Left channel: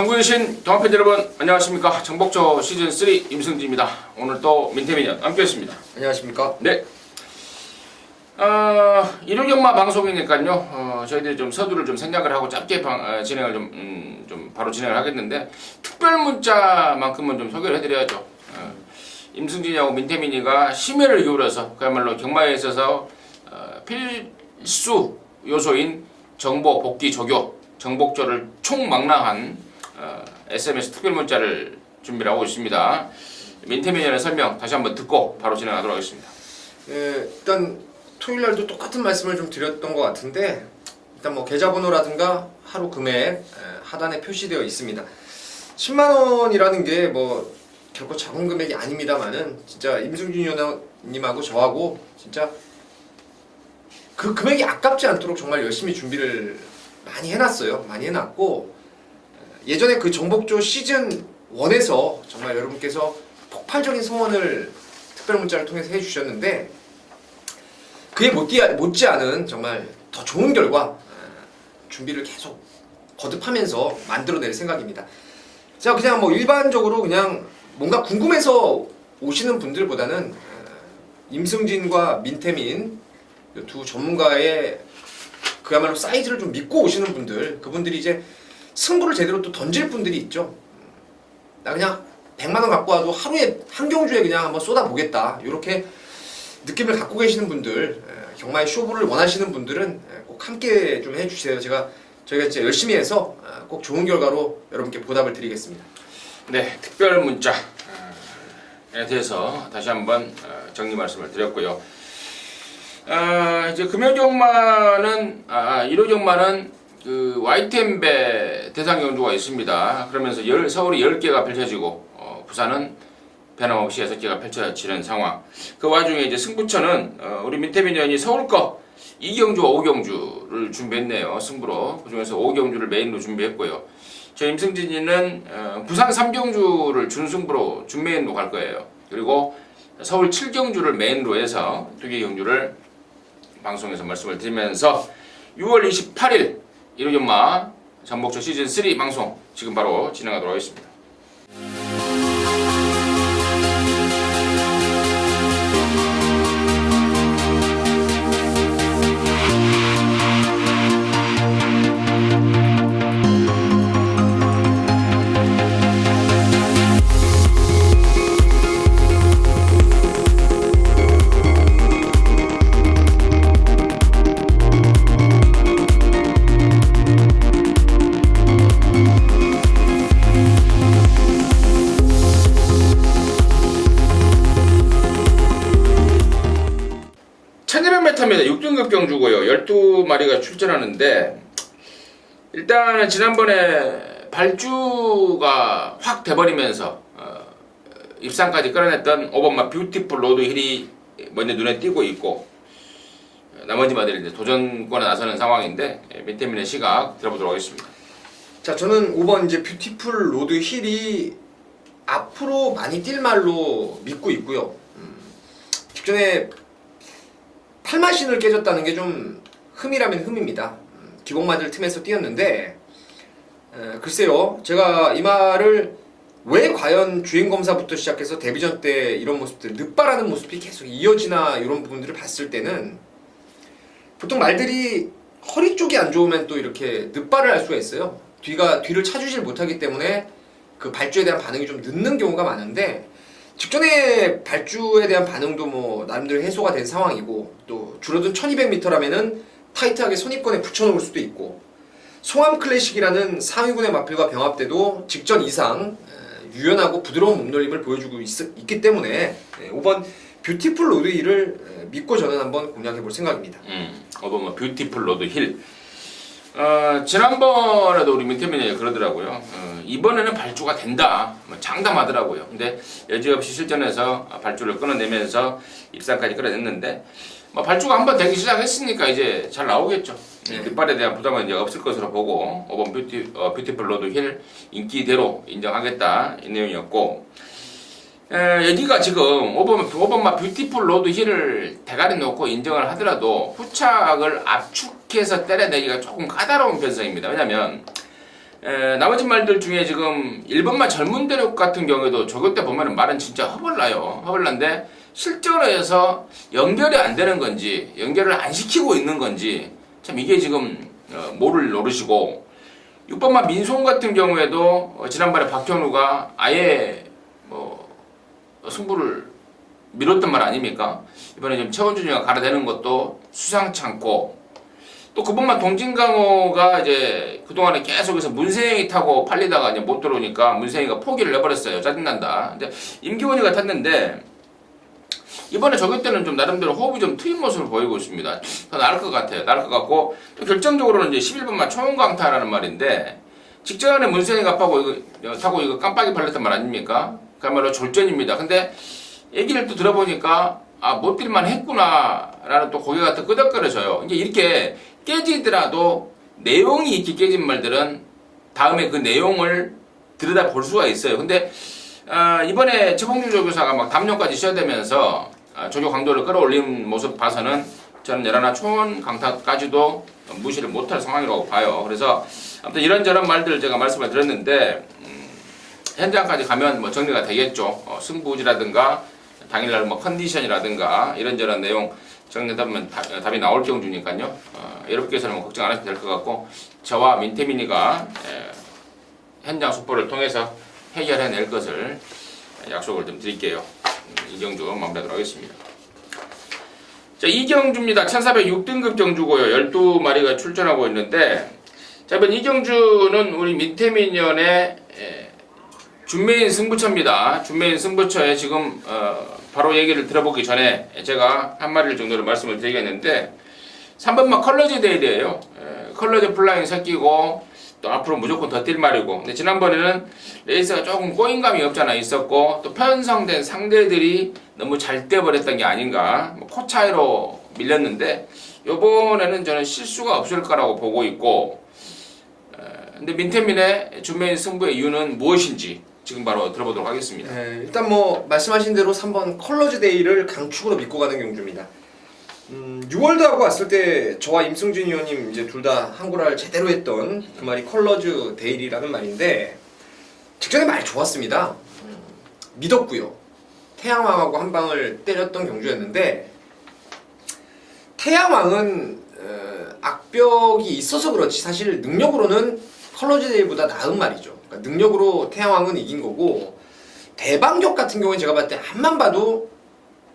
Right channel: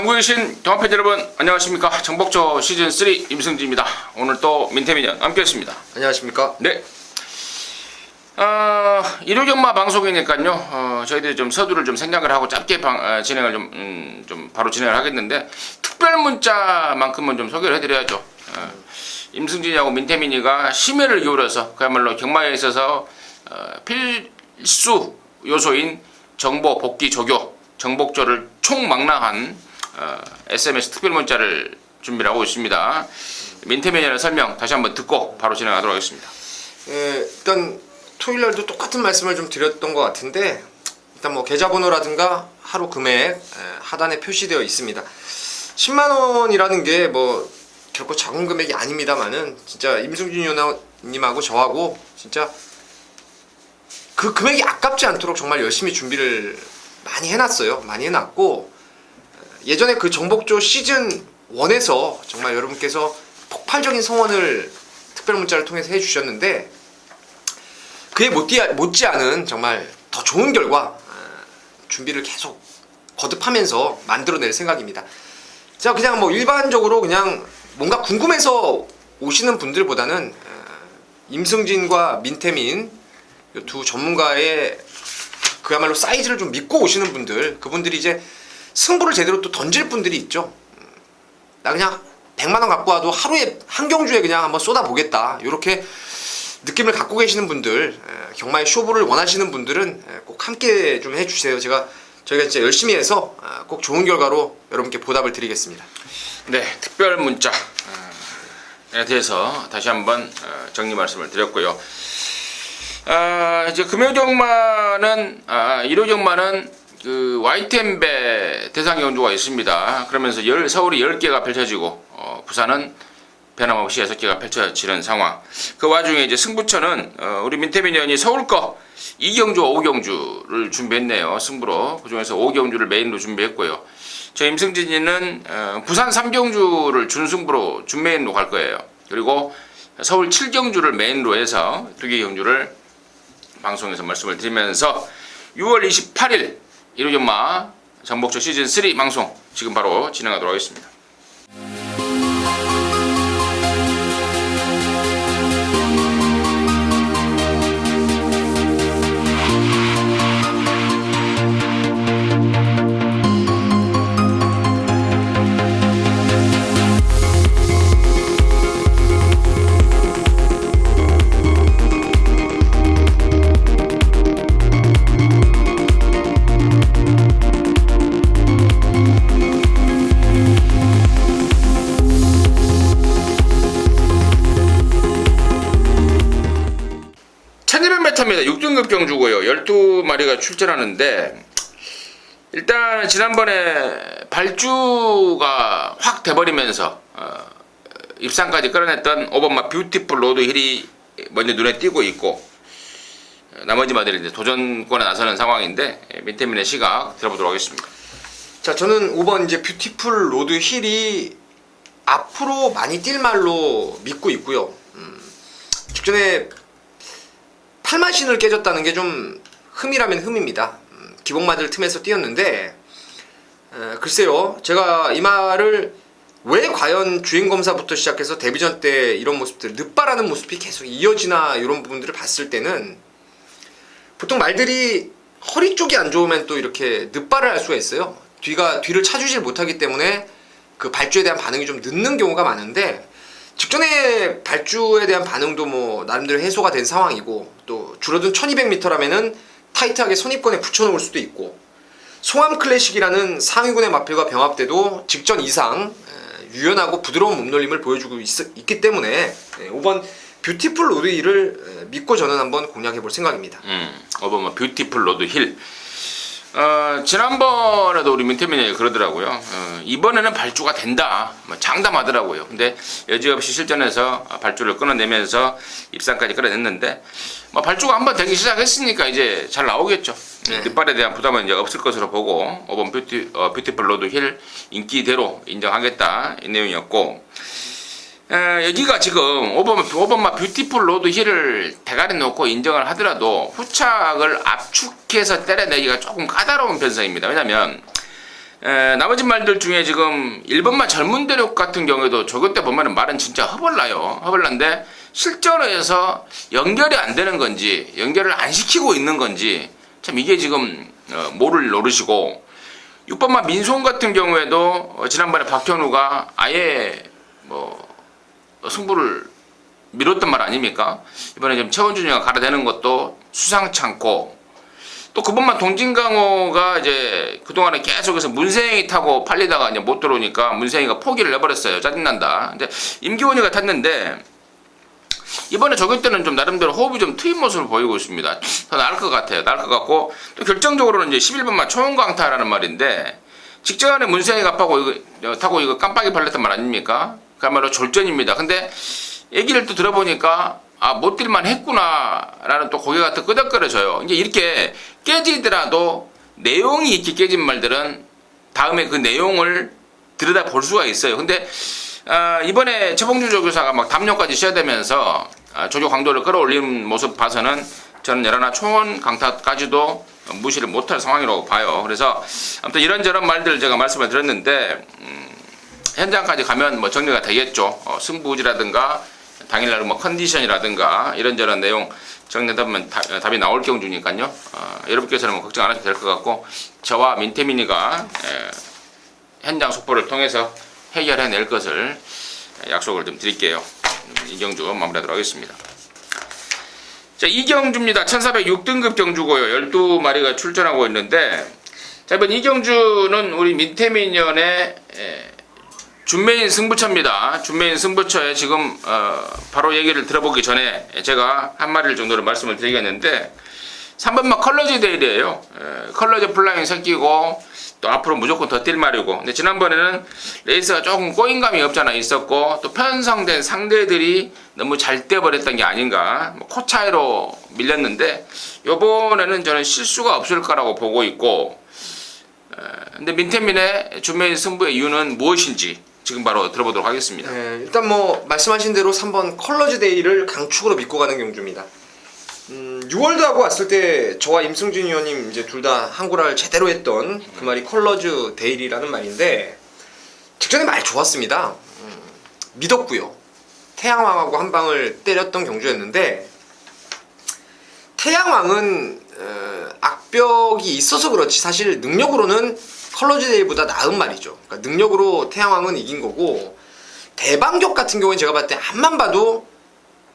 전국에 계신 동아팬 여러분 안녕하십니까. 정복조 시즌3 임승진입니다. 오늘 또 민태민연 함께했습니다. 안녕하십니까. 네. 일요경마 방송이니까요. 저희들이 좀 서두를 좀 생각을 하고 짧게 진행을 좀 바로 진행을 하겠는데 특별 문자만큼은 좀 소개를 해드려야죠. 임승진이하고 민태민이가 심혈을 기울여서 그야말로 경마에 있어서 필수 요소인 정보 복귀 조교 정복조를 총망라한 SMS 특별 문자를 준비를 하고 있습니다. 민태민이의 설명 다시 한번 듣고 바로 진행하도록 하겠습니다. 일단 토요일 날도 똑같은 말씀을 좀 드렸던 것 같은데 일단 뭐 계좌번호라든가 하루 금액 하단에 표시되어 있습니다. 10만 원이라는 게 뭐 결코 작은 금액이 아닙니다만은 진짜 임승준 위원님하고 저하고 진짜 그 금액이 아깝지 않도록 정말 열심히 준비를 많이 해놨어요. 많이 해놨고 예전에 그 정복조 시즌 1에서 정말 여러분께서 폭발적인 성원을 특별 문자를 통해서 해주셨는데 그에 못지않은 정말 더 좋은 결과 준비를 계속 거듭하면서 만들어낼 생각입니다. 자, 그냥 뭐 일반적으로 그냥 뭔가 궁금해서 오시는 분들보다는 임승진과 민태민 이 두 전문가의 그야말로 사이즈를 좀 믿고 오시는 분들, 그분들이 이제 승부를 제대로 또 던질 분들이 있죠. 나 그냥 100만 원 갖고 와도 하루에 한 경주에 그냥 한번 쏟아보겠다, 이렇게 느낌을 갖고 계시는 분들, 경마의 쇼부를 원하시는 분들은 꼭 함께 좀 해주세요. 저희가 진짜 열심히 해서 꼭 좋은 결과로 여러분께 보답을 드리겠습니다. 네, 특별 문자에 대해서 다시 한번 정리 말씀을 드렸고요. 이제 금요경마는 일요경마는 그 YTN배 대상 경주가 있습니다. 그러면서 서울이 10개가 펼쳐지고 부산은 변함없이 6개가 펼쳐지는 상황. 그 와중에 이제 승부처는 우리 민태민 의원이 서울 거 2경주, 5경주를 준비했네요. 승부로. 그중에서 5경주를 메인으로 준비했고요. 저 임승진이는 부산 3경주를 준승부로 준메인으로 갈 거예요. 그리고 서울 7경주를 메인으로 해서 2개 경주를 방송에서 말씀을 드리면서 6월 28일 일요경마 정복조 시즌3 방송 지금 바로 진행하도록 하겠습니다. 입니다. 6등급 경주고요. 12마리가 출전하는데 일단 지난번에 발주가 확 돼버리면서 입상까지 끌어냈던 5번마 뷰티풀 로드 힐이 먼저 눈에 띄고 있고 나머지 마들이 이제 도전권에 나서는 상황인데 민태민의 시각 들어보도록 하겠습니다. 자, 저는 5번 이제 뷰티풀 로드 힐이 앞으로 많이 뛸 말로 믿고 있고요. 직전에 8만신을 깨졌다는 게 좀 흠이라면 흠입니다. 기복마들 틈에서 뛰었는데 글쎄요, 제가 이 말을 왜 과연 주행검사부터 시작해서 데뷔전 때 이런 모습들, 늑발하는 모습이 계속 이어지나, 이런 부분들을 봤을 때는 보통 말들이 허리 쪽이 안 좋으면 또 이렇게 늑발을 할 수가 있어요. 뒤를 차주질 못하기 때문에 그 발주에 대한 반응이 좀 늦는 경우가 많은데 직전에 발주에 대한 반응도 뭐 나름대로 해소가 된 상황이고, 또 줄어든 1200m라면은 타이트하게 선입권에 붙여놓을 수도 있고, 송암 클래식이라는 상위군의 마필과 병합 때도 직전 이상 유연하고 부드러운 몸놀림을 보여주고 있기 때문에 5번 뷰티풀 로드 힐을 믿고 저는 한번 공략해 볼 생각입니다. 5번 뭐 뷰티풀 로드 힐. 지난번에도 우리 민태민이 그러더라고요. 이번에는 발주가 된다, 장담하더라고요. 근데 여지없이 실전에서 발주를 끊어내면서 입상까지 끌어냈는데 발주가 한번 되기 시작했으니까 이제 잘 나오겠죠. 뒷발에 대한 부담은 이제 없을 것으로 보고 5번 뷰티풀 로드 힐 인기대로 인정하겠다, 이 내용이었고, 여기가 지금 5번마 뷰티풀 로드 힐을 대가리 놓고 인정을 하더라도 후착을 압축해서 때려내기가 조금 까다로운 편성입니다. 왜냐면 나머지 말들 중에 지금 1번만 젊은 대륙 같은 경우에도 조교 때 보면은 말은 진짜 허벌나요. 허벌난데 실전에서 연결이 안 되는 건지 연결을 안 시키고 있는 건지 참 이게 지금 모를 노릇이고 6번만 민송 같은 경우에도 지난번에 박현우가 아예 뭐 승부를 미뤘던 말 아닙니까? 이번에 지금 최원준이가 갈아대는 것도 수상치 않고 또 그번만 동진강호가 이제 그동안에 계속해서 문세영이 타고 팔리다가 이제 못 들어오니까 문세영이가 포기를 해버렸어요. 짜증난다. 근데 임기훈이가 탔는데 이번에 저기 때는 좀 나름대로 호흡이 좀 트인 모습을 보이고 있습니다. 더 나을 것 같아요. 나을 것 같고 또 결정적으로는 이제 11번만 초원광타라는 말인데 직전에 문세영이가 타고 이거 깜빡이 팔렸던 말 아닙니까? 그야말로 졸전입니다. 근데 얘기를 또 들어보니까 못 뛸만 했구나라는 또 고개가 또 끄덕거려져요. 이제 이렇게 깨지더라도 내용이 있게 깨진 말들은 다음에 그 내용을 들여다 볼 수가 있어요. 근데 이번에 최봉준 조교사가 막 담요까지 씌워대면서 조교 강도를 끌어올리는 모습 봐서는 저는 여러나 초원 강타까지도 무시를 못할 상황이라고 봐요. 그래서 아무튼 이런저런 말들 제가 말씀을 드렸는데 현장까지 가면 뭐 정리가 되겠죠. 승부지라든가 당일날 뭐 컨디션이라든가 이런저런 내용 정리하다 보면 답이 나올 경주니까요. 여러분께서는 뭐 걱정 안 하셔도 될 것 같고 저와 민태민이가 현장 속보를 통해서 해결해낼 것을 약속을 좀 드릴게요. 이경주 마무리하도록 하겠습니다. 자, 이경주입니다. 1406등급 경주고요. 12마리가 출전하고 있는데 자, 이번 이경주는 우리 민태민 연의 준메인 승부처입니다. 준메인 승부처에 지금 바로 얘기를 들어보기 전에 제가 한 마리를 정도로 말씀을 드리겠는데 3번만 컬러지 데일이에요. 컬러지 플라잉 새끼고 또 앞으로 무조건 더 뛸 말이고 근데 지난번에는 레이스가 조금 꼬인감이 없잖아 있었고 또 편성된 상대들이 너무 잘 뛰어버렸던 게 아닌가 뭐 코 차이로 밀렸는데 요번에는 저는 실수가 없을 거라고 보고 있고 근데 민태민의 준메인 승부의 이유는 무엇인지 지금 바로 들어보도록 하겠습니다. 일단 뭐 말씀하신 대로 3번 컬러즈 데이를 강축으로 믿고 가는 경주입니다. 6월드하고 왔을 때 저와 임승준 의원님 이제 둘 다 한구라를 제대로 했던 그 말이 컬러즈 데일이라는 말인데 직전에 말 좋았습니다. 믿었고요. 태양왕하고 한 방을 때렸던 경주였는데 태양왕은 악벽이 있어서 그렇지 사실 능력으로는 컬러즈 데이보다 나은 말이죠. 그러니까 능력으로 태양왕은 이긴 거고 대방격 같은 경우는 제가 봤을 때 앞만 봐도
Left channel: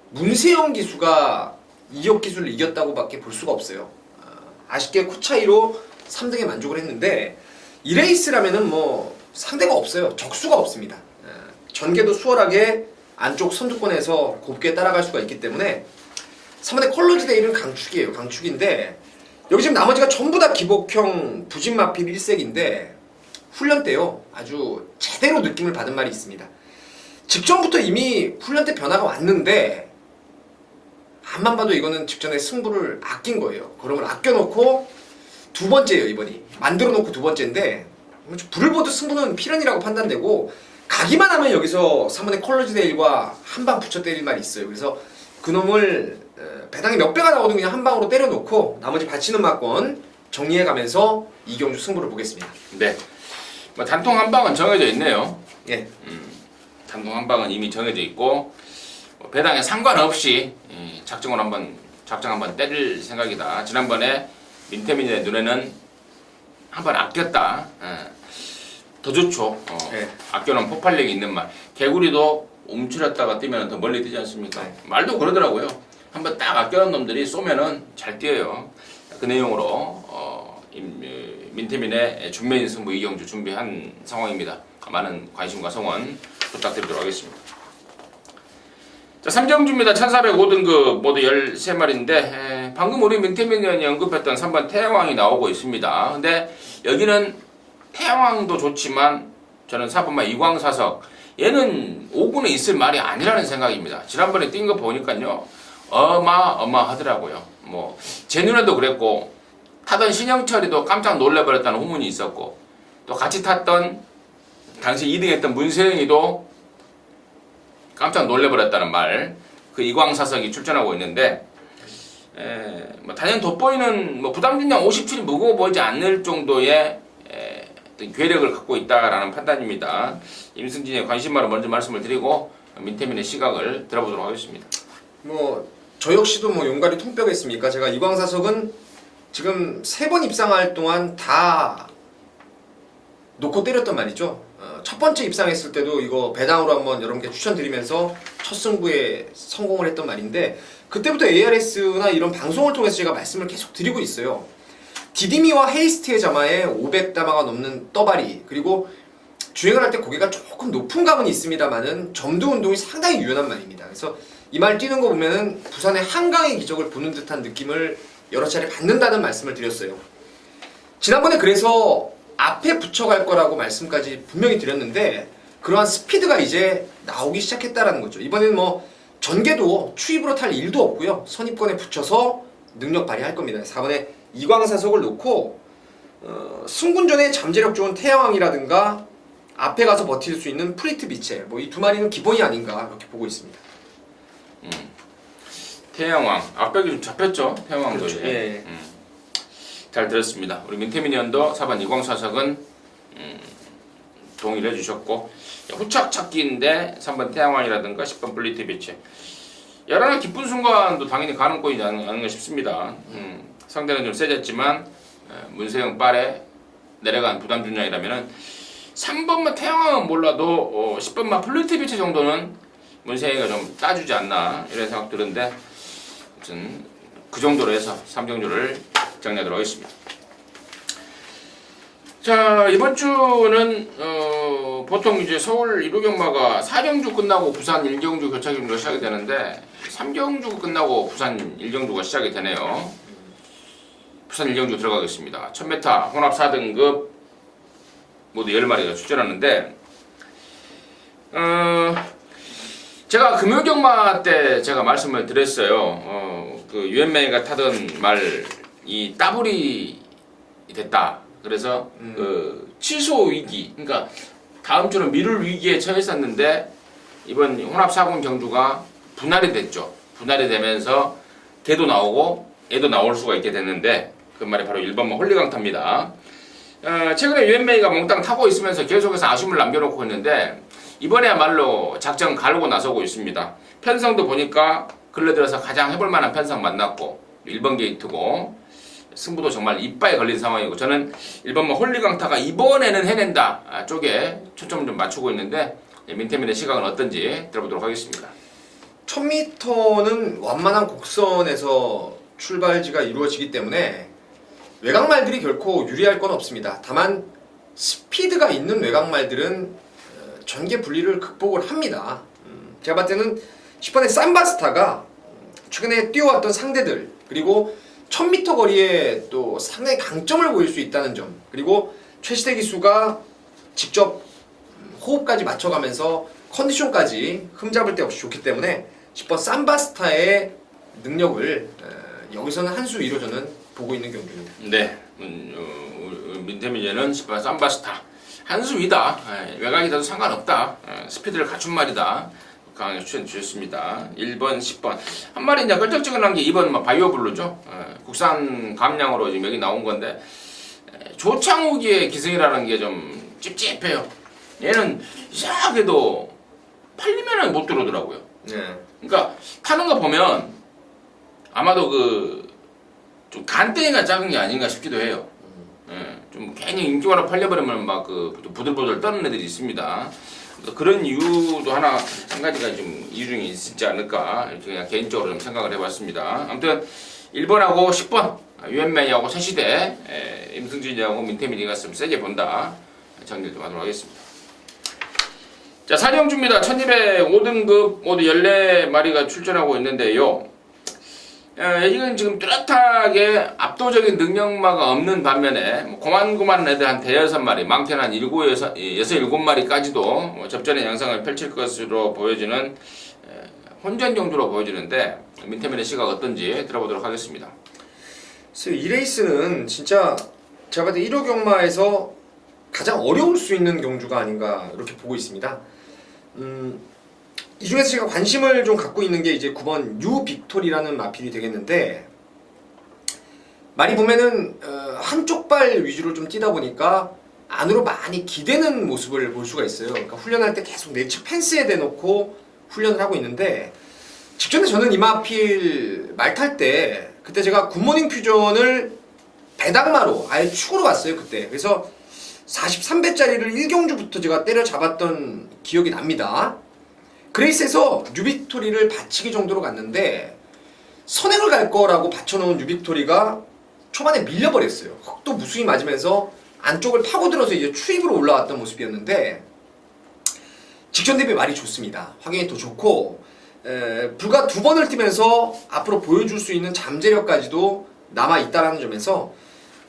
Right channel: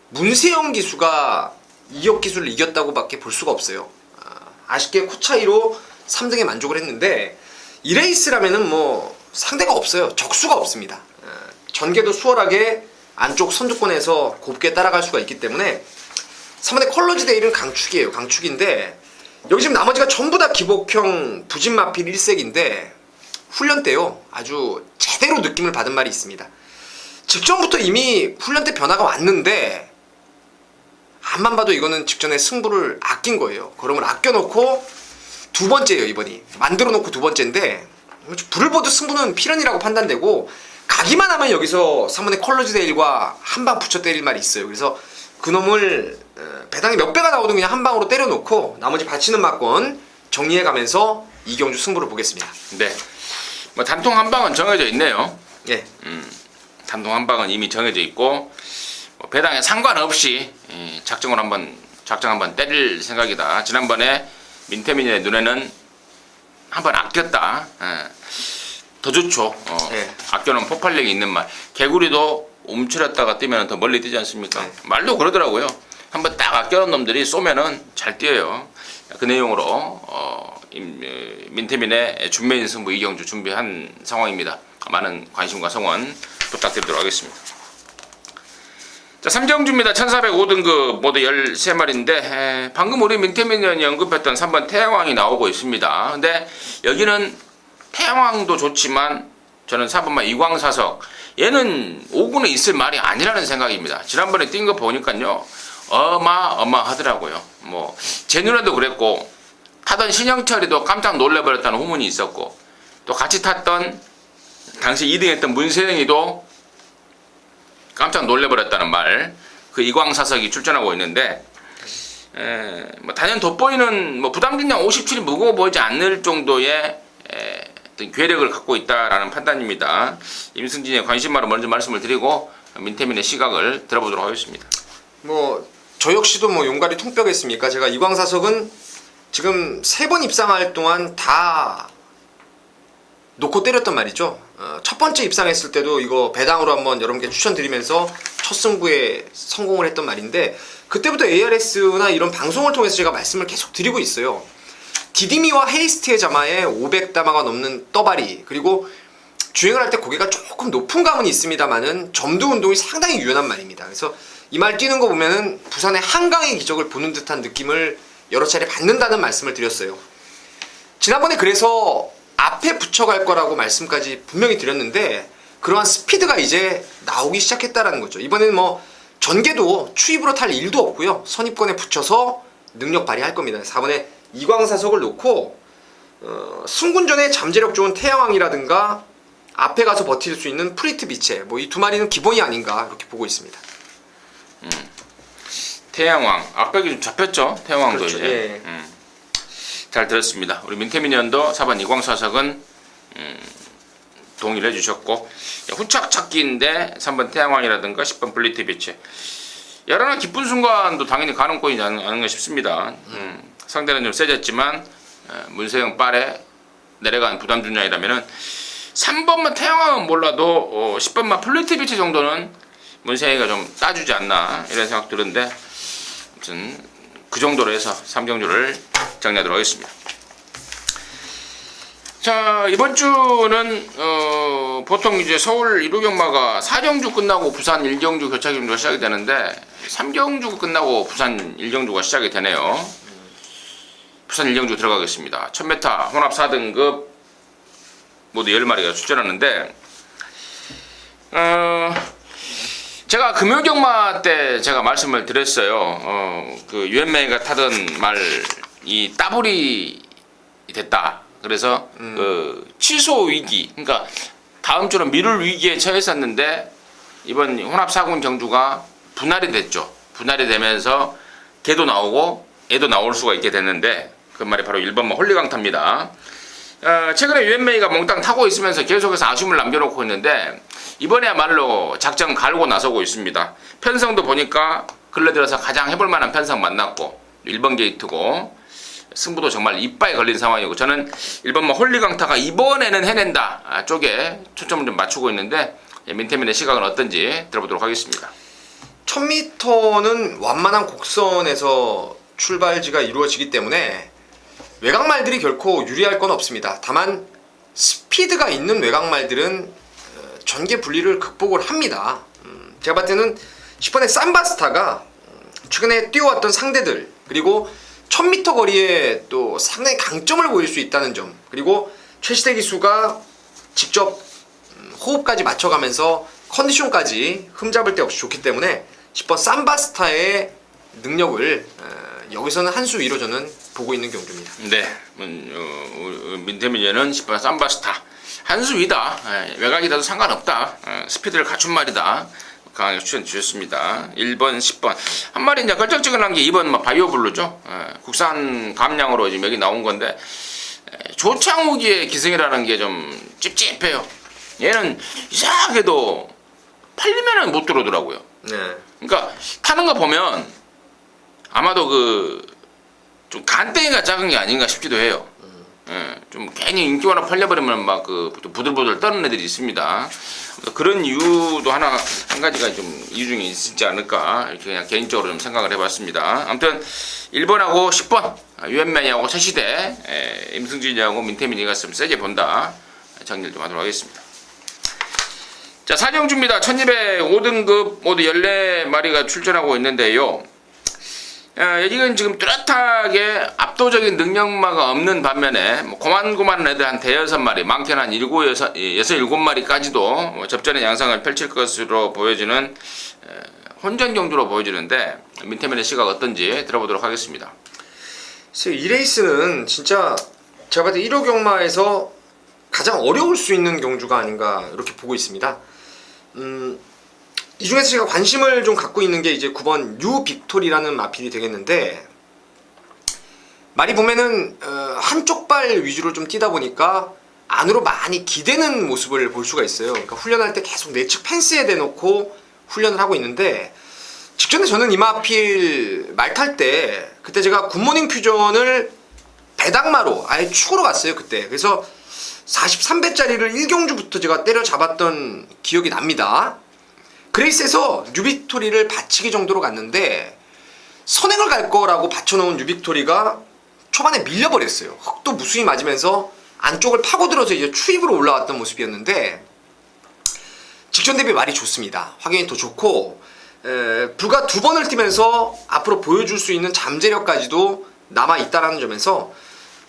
문세영 기수가 이혁 기수를 이겼다고밖에 볼 수가 없어요. 아쉽게 코 차이로 3등에 만족을 했는데 이 레이스라면은 뭐 상대가 없어요. 적수가 없습니다. 전개도 수월하게 안쪽 선두권에서 곱게 따라갈 수가 있기 때문에 3번의 컬러즈 데이는 강축이에요. 강축인데 여기 지금 나머지가 전부 다 기복형 부진마필 1색인데 훈련 때요 아주 제대로 느낌을 받은 말이 있습니다. 직전부터 이미 훈련 때 변화가 왔는데 앞만 봐도 이거는 직전에 승부를 아낀 거예요. 걸음을 아껴놓고 두 번째예요 이번이. 만들어놓고 두 번째인데 불을 보듯 승부는 필연이라고 판단되고 가기만 하면 여기서 3번의 컬러즈 데일과 한 방 붙여 때릴 말이 있어요. 그래서 그놈을 배당이 몇 배가 나오든 그냥 한 방으로 때려놓고 나머지 받치는 막건 정리해가면서 이경주 승부를 보겠습니다. 네, 뭐 단통 한 방은 정해져 있네요. 예. 단통 한 방은 이미 정해져 있고 뭐 배당에 상관없이 작정 한번 때릴 생각이다. 지난번에 민태민의 눈에는 한번 아꼈다. 더 좋죠. 네. 아껴놓은 폭발력이 있는 말. 개구리도 움츠렸다가 뛰면 더 멀리 뛰지 않습니까? 네. 말도 그러더라고요. 한번 딱 아껴놓은 놈들이 쏘면은 잘 뛰어요. 그 내용으로 민태민의 준메인 승부 이경주 준비한 상황입니다. 많은 관심과 성원 부탁드리도록 하겠습니다. 자, 3경주입니다. 1405등급 모두 13마리인데 방금 우리 민태민 의원이 언급했던 3번 태양왕이 나오고 있습니다. 근데 여기는 태양왕도 좋지만 저는 4번만 이광사석 얘는 5군에 있을 말이 아니라는 생각입니다. 지난번에 뛴 거 보니까요 어마어마하더라고요. 뭐 제 눈에도 그랬고 타던 신영철이도 깜짝 놀래버렸다는 후문이 있었고 또 같이 탔던 당시 2등했던 문세영이도 깜짝 놀래버렸다는 말, 그 이광사석이 출전하고 있는데, 뭐 단연 돋보이는 뭐 부담긴량 57이 무거워 보이지 않을 정도의 어떤 괴력을 갖고 있다라는 판단입니다. 임승진의 관심마로 먼저 말씀을 드리고 민태민의 시각을 들어보도록 하겠습니다. 뭐 저 역시도 뭐 용가리 통뼈겠습니까? 제가 이광사석은 지금 3번 입상할 동안 다 놓고 때렸단 말이죠. 첫 번째 입상했을 때도 이거 배당으로 한번 여러분께 추천드리면서 첫 승부에 성공을 했던 말인데 그때부터 ARS나 이런 방송을 통해서 제가 말씀을 계속 드리고 있어요. 디디미와 헤이스트의 자마에 500다마가 넘는 떠발이 그리고 주행을 할 때 고개가 조금 높은 감은 있습니다만은 점도 운동이 상당히 유연한 말입니다. 그래서 이 말 뛰는 거 보면은 부산의 한강의 기적을 보는 듯한 느낌을 여러 차례 받는다는 말씀을 드렸어요. 지난번에 그래서 앞에 붙여갈 거라고 말씀까지 분명히 드렸는데 그러한 스피드가 이제 나오기 시작했다라는 거죠. 이번에는 뭐 전개도 추입으로 탈 일도 없고요. 선입권에 붙여서 능력 발휘할 겁니다. 4번에 이광사석을 놓고 승군전에 잠재력 좋은 태양왕이라든가 앞에 가서 버틸 수 있는 프리트 비체 뭐 이 두 마리는 기본이 아닌가 그렇게 보고 있습니다. 태양왕 앞벽이 좀 잡혔죠. 태양왕도 그렇죠. 이제 예. 잘 들었습니다. 우리 민태민 의원도 4번 이광사석은 동의를 해주셨고 후착 찾기인데 3번 태양왕이라든가 10번 블리트 비치 여러나 기쁜 순간도 당연히 가능권이지 않은가 싶습니다. 상대는 좀 세졌지만 문세영 빨에 내려간 부담 준장이라면은 3번만 태양왕은 몰라도 10번만 블리트 비치 정도는 문세영이가 좀 따주지 않나 이런 생각 드는데 아무튼 그 정도로 해서 3경주를 정리하도록 하겠습니다. 자 이번 주는 보통 이제 서울 1호경마가 4경주 끝나고 부산 1경주 교차경주가 시작이 되는데 3경주 끝나고 부산 1경주가 시작이 되네요. 부산 1경주 들어가겠습니다. 1000m 혼합 4등급 모두 10마리가 출전하는데 제가 금요경마 때 제가 말씀을 드렸어요. 그 유엔메이가 타던 말이 따블이 됐다. 그래서 그 취소 위기, 그러니까 다음 주는 미룰 위기에 처했었는데 이번 혼합 4군 경주가 분할이 됐죠. 분할이 되면서 개도 나오고 애도 나올 수가 있게 됐는데 그 말이 바로 1번마 홀리강타입니다. 최근에 유엔메이가 몽땅 타고 있으면서 계속해서 아쉬움을 남겨놓고 있는데 이번에야말로 작전 갈고 나서고 있습니다. 편성도 보니까 근래 들어서 가장 해볼 만한 편성 만났고 1번 게이트고 승부도 정말 이빠이 걸린 상황이고 저는 1번마 홀리강타가 이번에는 해낸다 쪽에 초점을 좀 맞추고 있는데 민태민의 시각은 어떤지 들어보도록 하겠습니다. 1000m는 완만한 곡선에서 출발지가 이루어지기 때문에 외곽말들이 결코 유리할 건 없습니다. 다만 스피드가 있는 외곽말들은 전개 분리를 극복을 합니다. 제가 봤을 때는 10번의 삼바스타가 최근에 뛰어왔던 상대들 그리고 1000m 거리에 또 상당히 강점을 보일 수 있다는 점 그리고 최시대 기수가 직접 호흡까지 맞춰가면서 컨디션까지 흠잡을 데 없이 좋기 때문에 10번 삼바스타의 능력을 여기서는 한 수 위로 저는 보고 있는 경주입니다. 네, 민태민이는 10번 삼바스타 한 수 위다. 외곽이라도 상관없다. 스피드를 갖춘 말이다. 강하게 추천 주셨습니다. 1번, 10번 한 마리 이제 결정적인 게 2번 바이오블루죠. 국산 감량으로 지금 여기 나온 건데 조창욱의 기승이라는 게 좀 찝찝해요. 얘는 이상하게도 팔리면은 못 들어오더라고요. 네. 그러니까 타는 거 보면 아마도 그 좀 간땡이가 작은 게 아닌가 싶기도 해요. 좀 괜히 인기와로 팔려버리면 막 그 부들부들 떠는 애들이 있습니다. 그런 이유도 한 가지가 좀 이유 중에 있지 않을까 이렇게 그냥 개인적으로 좀 생각을 해봤습니다. 아무튼 1번하고 10번 유엔메이하고 새시대 임승진이하고 민태민이가 좀 세게 본다 정리를 좀 하도록 하겠습니다. 자 4경주입니다. 1205등급 모두 14마리가 출전하고 있는데요. 이건 지금 뚜렷하게 압도적인 능력마가 없는 반면에 고만고만한 애들 한 대여섯 마리, 많게는 한 7마리까지도 접전의 양상을 펼칠 것으로 보여지는 혼전 경주로 보여지는데 민태민의 시각 어떤지 들어보도록 하겠습니다. 이 레이스는 진짜 제가 봤을 때 1호 경마에서 가장 어려울 수 있는 경주가 아닌가 이렇게 보고 있습니다. 이 중에서 제가 관심을 좀 갖고 있는 게 이제 9번 뉴 빅토리라는 마필이 되겠는데 말이 보면은 한쪽 발 위주로 좀 뛰다 보니까 안으로 많이 기대는 모습을 볼 수가 있어요. 그러니까 훈련할 때 계속 내측 펜스에 대놓고 훈련을 하고 있는데 직전에 저는 이마필 말 탈 때 그때 제가 굿모닝 퓨전을 배당마로 아예 축으로 갔어요 그때. 그래서 43배짜리를 1경주부터 제가 때려잡았던 기억이 납니다. 그레이스에서 뉴빅토리를 받치기 정도로 갔는데 선행을 갈 거라고 받쳐놓은 뉴빅토리가 초반에 밀려버렸어요. 흙도 무수히 맞으면서 안쪽을 파고들어서 이제 추입으로 올라왔던 모습이었는데 직전 대비 말이 좋습니다. 확연히 더 좋고 불과 2번을 뛰면서 앞으로 보여줄 수 있는 잠재력까지도 남아있다는 점에서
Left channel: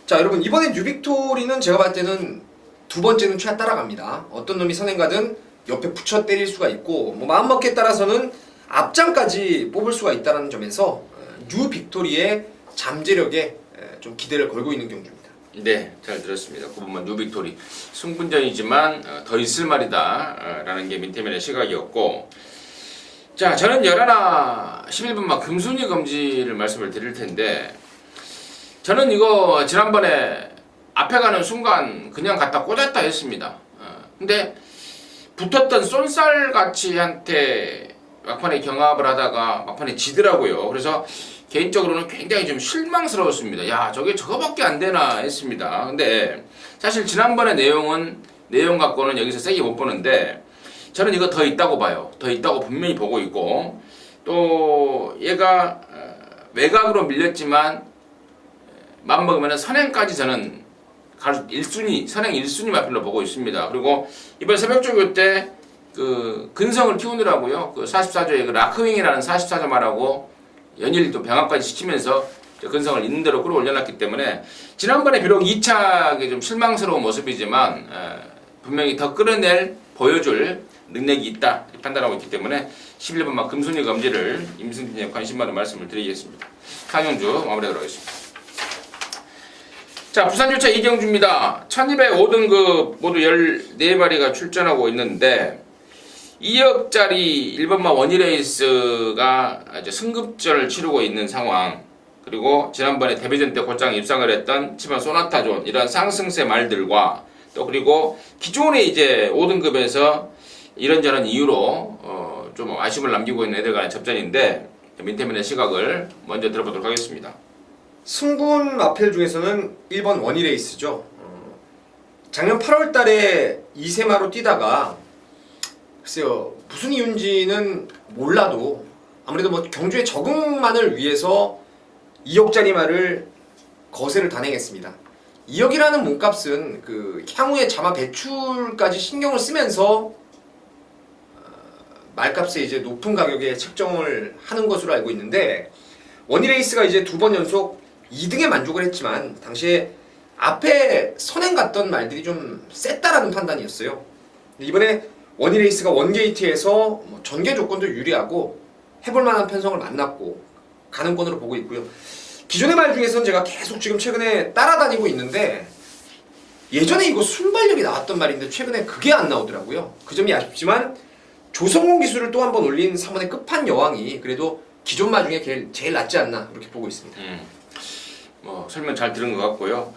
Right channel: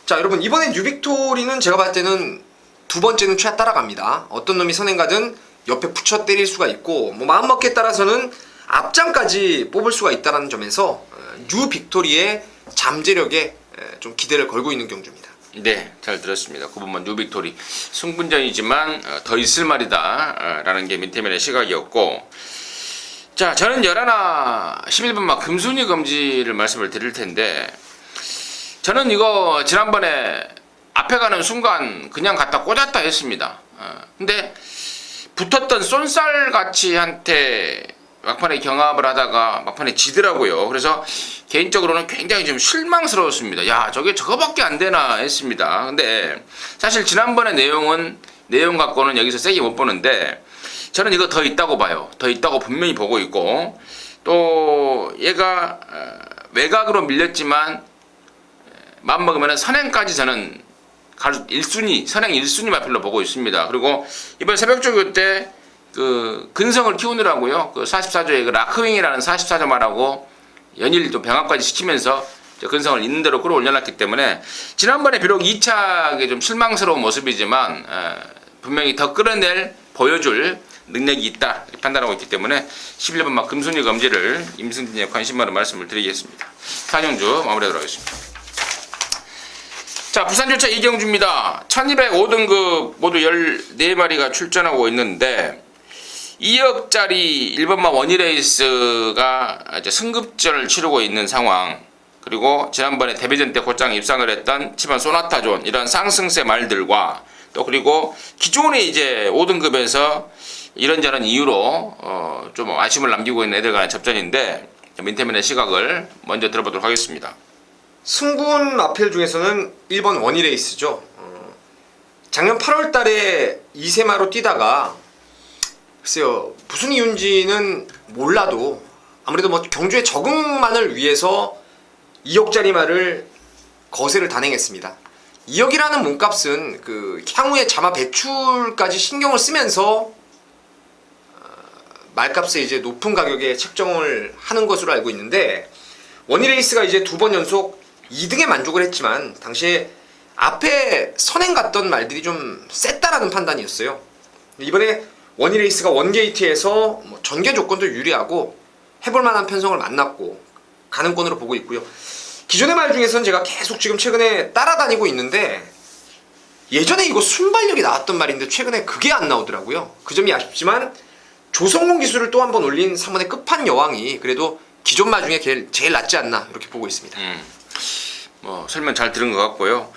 자 여러분 이번에 뉴빅토리는 제가 봤을 때는 2번째는 최하 따라갑니다. 어떤 놈이 선행 가든 옆에 붙여 때릴 수가 있고 뭐 마음먹기에 따라서는 앞장까지 뽑을 수가 있다는 점에서 뉴빅토리의 잠재력에 좀 기대를 걸고 있는 경주입니다. 네, 잘 들었습니다. 9번만 뉴빅토리. 승분전이지만 더 있을 말이다 라는 게 민태민의 시각이었고, 자 저는 11화 11번만 금순위 검지를 말씀을 드릴 텐데, 저는 이거 지난번에 앞에 가는 순간 그냥 갖다 꽂았다 했습니다. 근데 붙었던 쏜살같이한테 막판에 경합을 하다가 막판에 지더라고요. 그래서 개인적으로는 굉장히 좀 실망스러웠습니다. 야 저거밖에 안 되나 했습니다. 근데 사실 지난번의 내용 갖고는 여기서 세게 못 보는데 저는 이거 더 있다고 봐요. 더 있다고 분명히 보고 있고, 또 얘가 외곽으로 밀렸지만 맘먹으면 선행까지 저는 1순위, 선행 1순위 마필로 보고 있습니다. 그리고 이번 새벽조교 때 그 근성을 키우느라고요. 그 44조에 그 라크윙이라는 44조 말하고 연일도 병합까지 시키면서 근성을 있는 대로 끌어올려놨기 때문에 지난번에 비록 2차에 좀 실망스러운 모습이지만 분명히 더 끌어낼 보여줄 능력이 있다 판단하고 있기 때문에 11번만 금순위 검지를 임승진의 관심만으로 말씀을 드리겠습니다. 4경주 마무리하도록 하겠습니다. 자, 부산주차 이경주입니다. 1205등급 모두 14마리가 출전하고 있는데 2억짜리 1번마 원희레이스가 이제 승급전을 치르고 있는 상황, 그리고 지난번에 데뷔전 때 곧장 입상을 했던 치반 소나타존 이런 상승세 말들과 또 그리고 기존에 이제 5등급에서 이런저런 이유로 좀 아쉬움을 남기고 있는 애들 간의 접전인데 민태민의 시각을 먼저 들어보도록 하겠습니다. 승군 마필 중에서는 1번 원희레이스죠. 작년 8월 달에 2세마로 뛰다가 글쎄요 무슨 이유인지는 몰라도 아무래도 뭐 경주의 적응만을 위해서 2억짜리 말을 거세를 단행했습니다. 2억이라는 몸값은 그 향후에 자마 배출까지 신경을 쓰면서 말값에 이제 높은 가격에 책정을 하는 것으로 알고 있는데, 원희레이스가 이제 2번 연속 2등에 만족을 했지만 당시에 앞에 선행 갔던 말들이 좀 셌다라는 판단이었어요. 이번에 원희레이스가 원게이트에서 뭐 전개 조건도 유리하고 해볼만한 편성을 만났고 가능권으로 보고 있고요. 기존의 말 중에서는 제가 계속 지금 최근에 따라다니고 있는데 예전에 이거 순발력이 나왔던 말인데 최근에 그게 안 나오더라고요. 그 점이 아쉽지만 조성공 기술을 또 한 번 올린 3번의 끝판 여왕이 그래도 기존 말 중에 제일 낫지 않나 이렇게 보고 있습니다. 뭐 설명 잘 들은 것 같고요.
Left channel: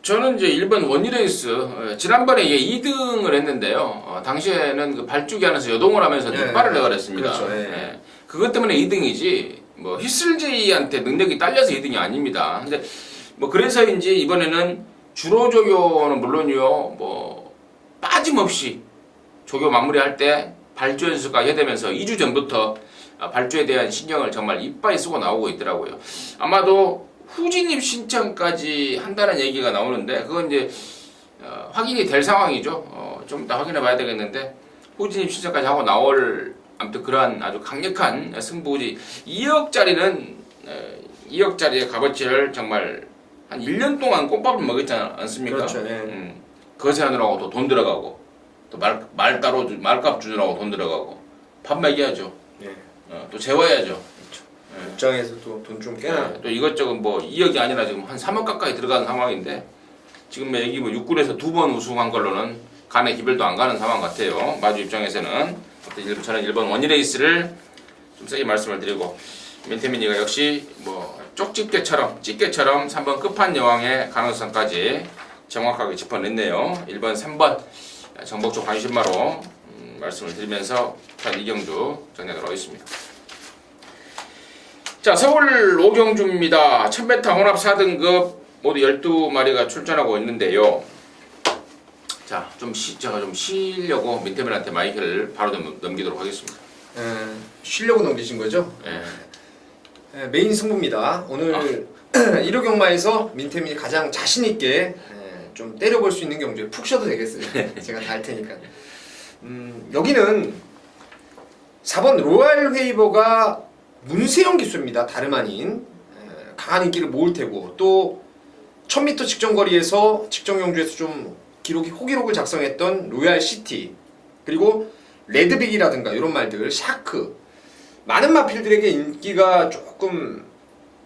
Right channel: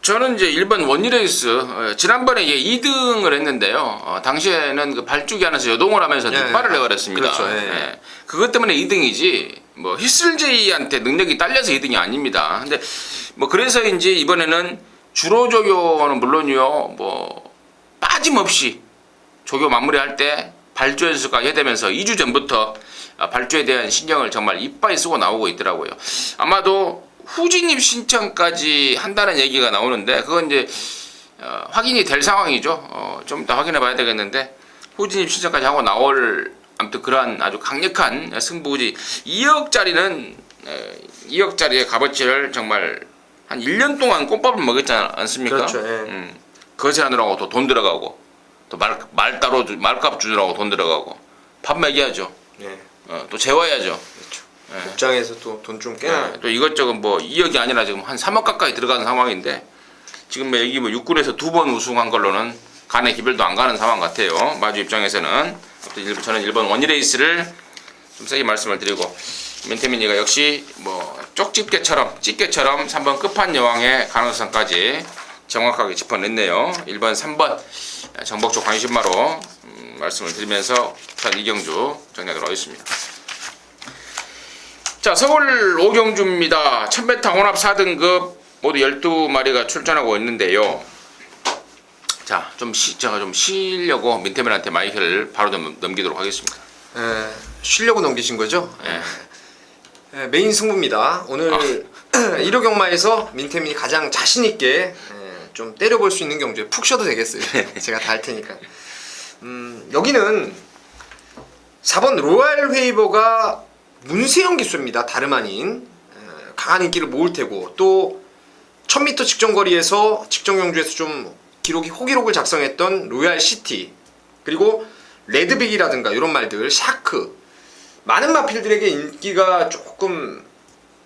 저는 이제 1번 원희레이스 지난번에 이제 2등을 했는데요. 당시에는 그 발주기 안에서 여동을 하면서 뒷발을 해버렸습니다. 그렇죠. 예. 그것 때문에 2등이지 뭐 히슬제이한테 능력이 딸려서 2등이 아닙니다. 근데 뭐 그래서인지 이번에는 주로 조교는 물론이요, 뭐 빠짐없이 조교 마무리할 때 발주 연습까지 해대면서 2주 전부터 발주에 대한 신경을 정말 이빠이 쓰고 나오고 있더라고요. 아마도 후진입 신청까지 한다는 얘기가 나오는데 그건 이제 확인이 될 상황이죠. 좀 이따 확인해 봐야 되겠는데 후진입 신청까지 하고 나올 아무튼 그러한 아주 강력한 승부지. 2억짜리는 2억짜리의 값어치를 정말 한 1년 동안 꽃밥을 먹었지 않습니까? 그렇죠. 거세 하느라고 또 돈 들어가고 또 말 따로 말값 주느라고 돈 들어가고 밥 먹여야죠. 또 재워야죠. 그렇죠. 입장에서 또 돈 좀 깨나. 또 이것저것 뭐 2억이 아니라 지금 한 3억 가까이 들어가는 상황인데 지금 여기 뭐 6군에서 2번 우승한 걸로는 간의 기별도 안 가는 상황 같아요. 마주 입장에서는. 저는 1번 원희레이스를 좀 세게 말씀을 드리고, 민태민이가 역시 뭐 쪽집게처럼 3번 끝판 여왕의 가능성까지 정확하게 짚어냈네요. 1번, 3번 정복조 관심마로 말씀을 드리면서 부산 이경주 정리하도록 하겠습니다. 자, 서울 오경주입니다. 1000m 혼합 4등급 모두 12마리가 출전하고 있는데요. 자, 제가 좀 쉬려고 민태민한테 마이크를 바로 넘기도록 하겠습니다. 쉬려고 넘기신 거죠? 메인 승부입니다. 오늘 1호 경마에서 민태민이 가장 자신 있게 좀 때려볼 수 있는 경주에 푹 쉬어도 되겠어요. 제가 다 할 테니까. 여기는 4번 로얄 웨이버가 문세영 기수입니다. 다름 아닌 강한 인기를 모을 테고, 또 1000m 직전거리에서 직전 경주에서 좀 호기록을 작성했던 로얄 시티, 그리고 레드빅이라든가 이런 말들, 샤크, 많은 마필들에게 인기가 조금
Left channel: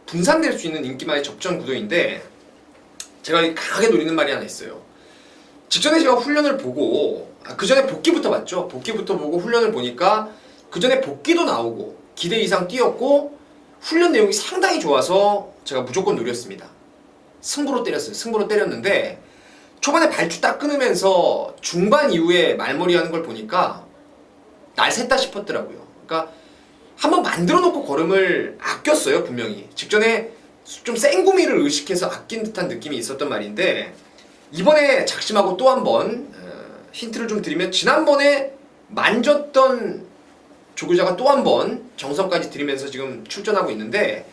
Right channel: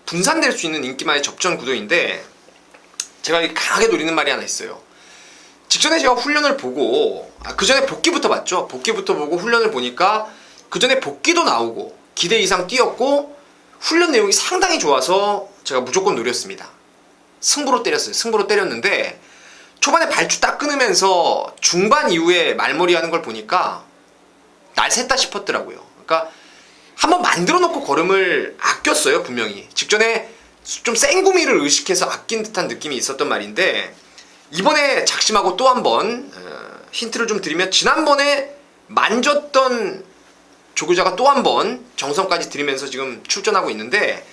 분산될 수 있는 인기만의 접전 구도인데, 제가 강하게 노리는 말이 하나 있어요. 직전에 제가 훈련을 보고, 그 전에 복귀부터 봤죠. 복귀부터 보고 훈련을 보니까 그 전에 복귀도 나오고 기대 이상 뛰었고 훈련 내용이 상당히 좋아서 제가 무조건 노렸습니다. 승부로 때렸어요. 승부로 때렸는데 초반에 발주 딱 끊으면서 중반 이후에 말머리하는 걸 보니까 날 샜다 싶었더라고요. 그러니까 한번 만들어 놓고 걸음을 아꼈어요. 분명히 직전에 좀 생구미를 의식해서 아낀 듯한 느낌이 있었던 말인데, 이번에 작심하고 또 한 번 힌트를 좀 드리면, 지난번에 만졌던 조교자가 또 한 번 정성까지 들이면서 지금 출전하고 있는데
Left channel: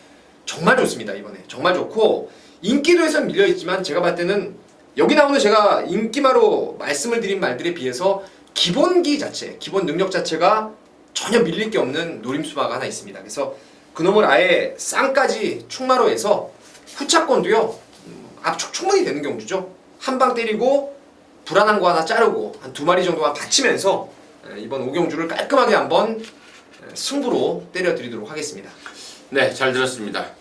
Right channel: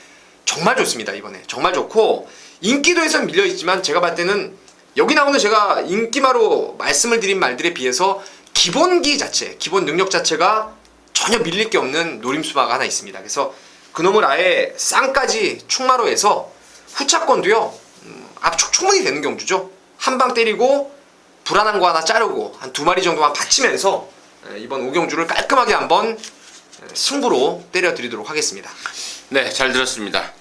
정말 좋습니다. 이번에 정말 좋고, 인기도에선 밀려있지만 제가 봤을 때는 여기 나오는 제가 인기마로 말씀을 드린 말들에 비해서 기본기 자체, 기본 능력 자체가 전혀 밀릴 게 없는 노림수마가 하나 있습니다. 그래서 그놈을 아예 쌍까지 충마로 해서 후차권도요, 압축 충분히 되는 경주죠. 한 방 때리고 불안한 거 하나 자르고 한 2마리 정도만 받치면서 이번 5경주를 깔끔하게 한번 승부로 때려드리도록 하겠습니다. 네, 잘 들었습니다.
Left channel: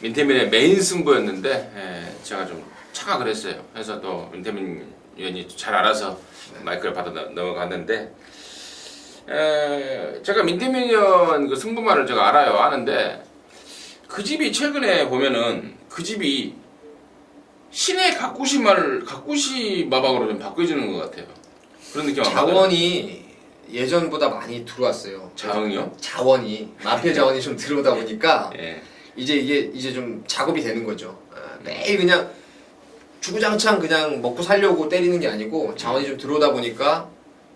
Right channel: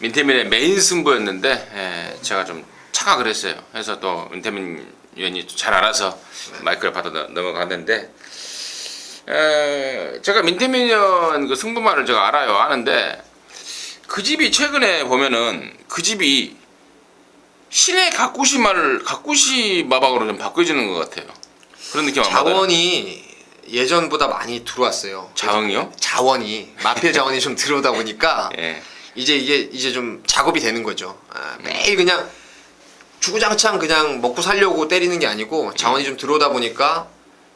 민태민의 메인 승부였는데 제가 좀 착각을 했어요. 그래서 또 민태민 위원이 잘 알아서 마이크를 받아 넘어갔는데, 제가 민태민 위원 그 승부만을 제가 아는데, 그 집이 최근에 보면은 그 집이 신의 가꾸시 마방으로 좀 바뀌어지는 것 같아요. 그런 느낌 안 받아요? 자원이 예전보다 많이 들어왔어요. 자흥이요? 자원이 마필 자원이 좀 들어오다 보니까 예. 이제 좀 작업이 되는 거죠. 매일 그냥 주구장창 그냥 먹고 살려고 때리는 게 아니고 자원이 좀 들어오다 보니까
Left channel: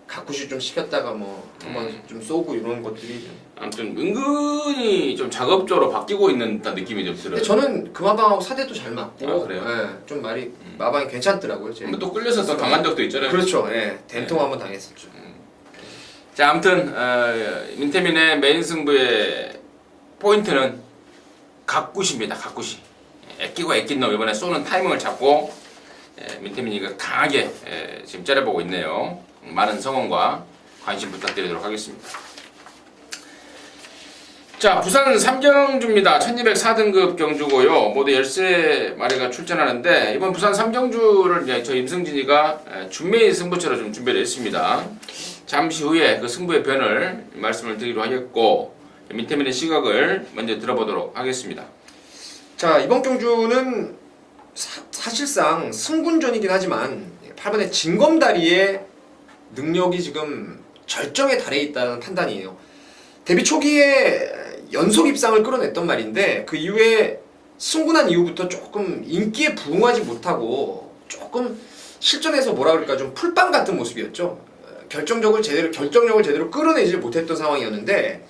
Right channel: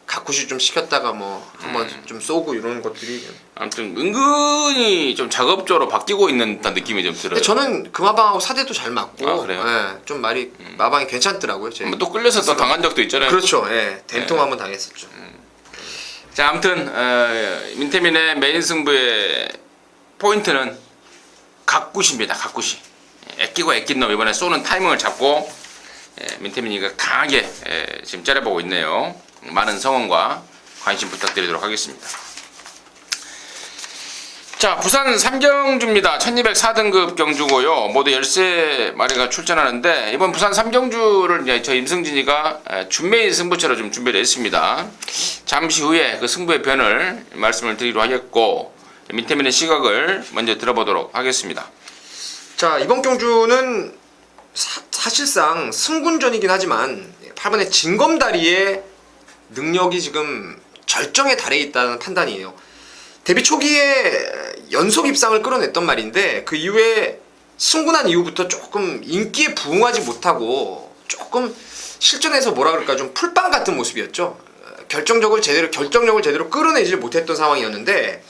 가꾸시 좀 시켰다가 뭐 한번 좀 쏘고 이런 것들이. 아무튼 은근히 좀 작업적으로 바뀌고 있는 듯한 느낌이 좀 들어요. 근데 저는 그 마방하고 사대도 잘 맞고, 아, 그래요? 좀 마방이 괜찮더라고요. 한번 또 끌려서 또 당한 적도 있잖아요. 그렇죠. 된통 한번 당했었죠. 자, 아무튼 민태민의 메인 승부의 포인트는 가꾸시입니다. 가꾸시. 애끼고 애낀 놈 이번에 쏘는 타이밍을 잡고 민태민이가 강하게 지금 째려보고 있네요. 많은 성원과 관심 부탁드리도록 하겠습니다. 자, 부산 삼경주입니다. 1204등급 경주고요. 모두 13마리가 출전하는데, 이번 부산 삼경주를 이제 저 임승진이가 준메인 승부처로 좀 준비를 했습니다. 잠시 후에 그 승부의 변을 말씀을 드리기로 하겠고, 민태민의 시각을 먼저 들어보도록 하겠습니다. 자, 이번 경주는 사실상 승군전이긴 하지만 8번의 진검다리의 능력이 지금 절정에 달해 있다는 판단이에요. 데뷔 초기에 연속 입상을 끌어냈던 말인데, 그 이후에 승군한 이후부터 조금 인기에 부응하지 못하고 조금 실전에서 뭐라 그럴까 좀 풀빵 같은 모습이었죠. 결정력을 제대로 끌어내지 못했던 상황이었는데,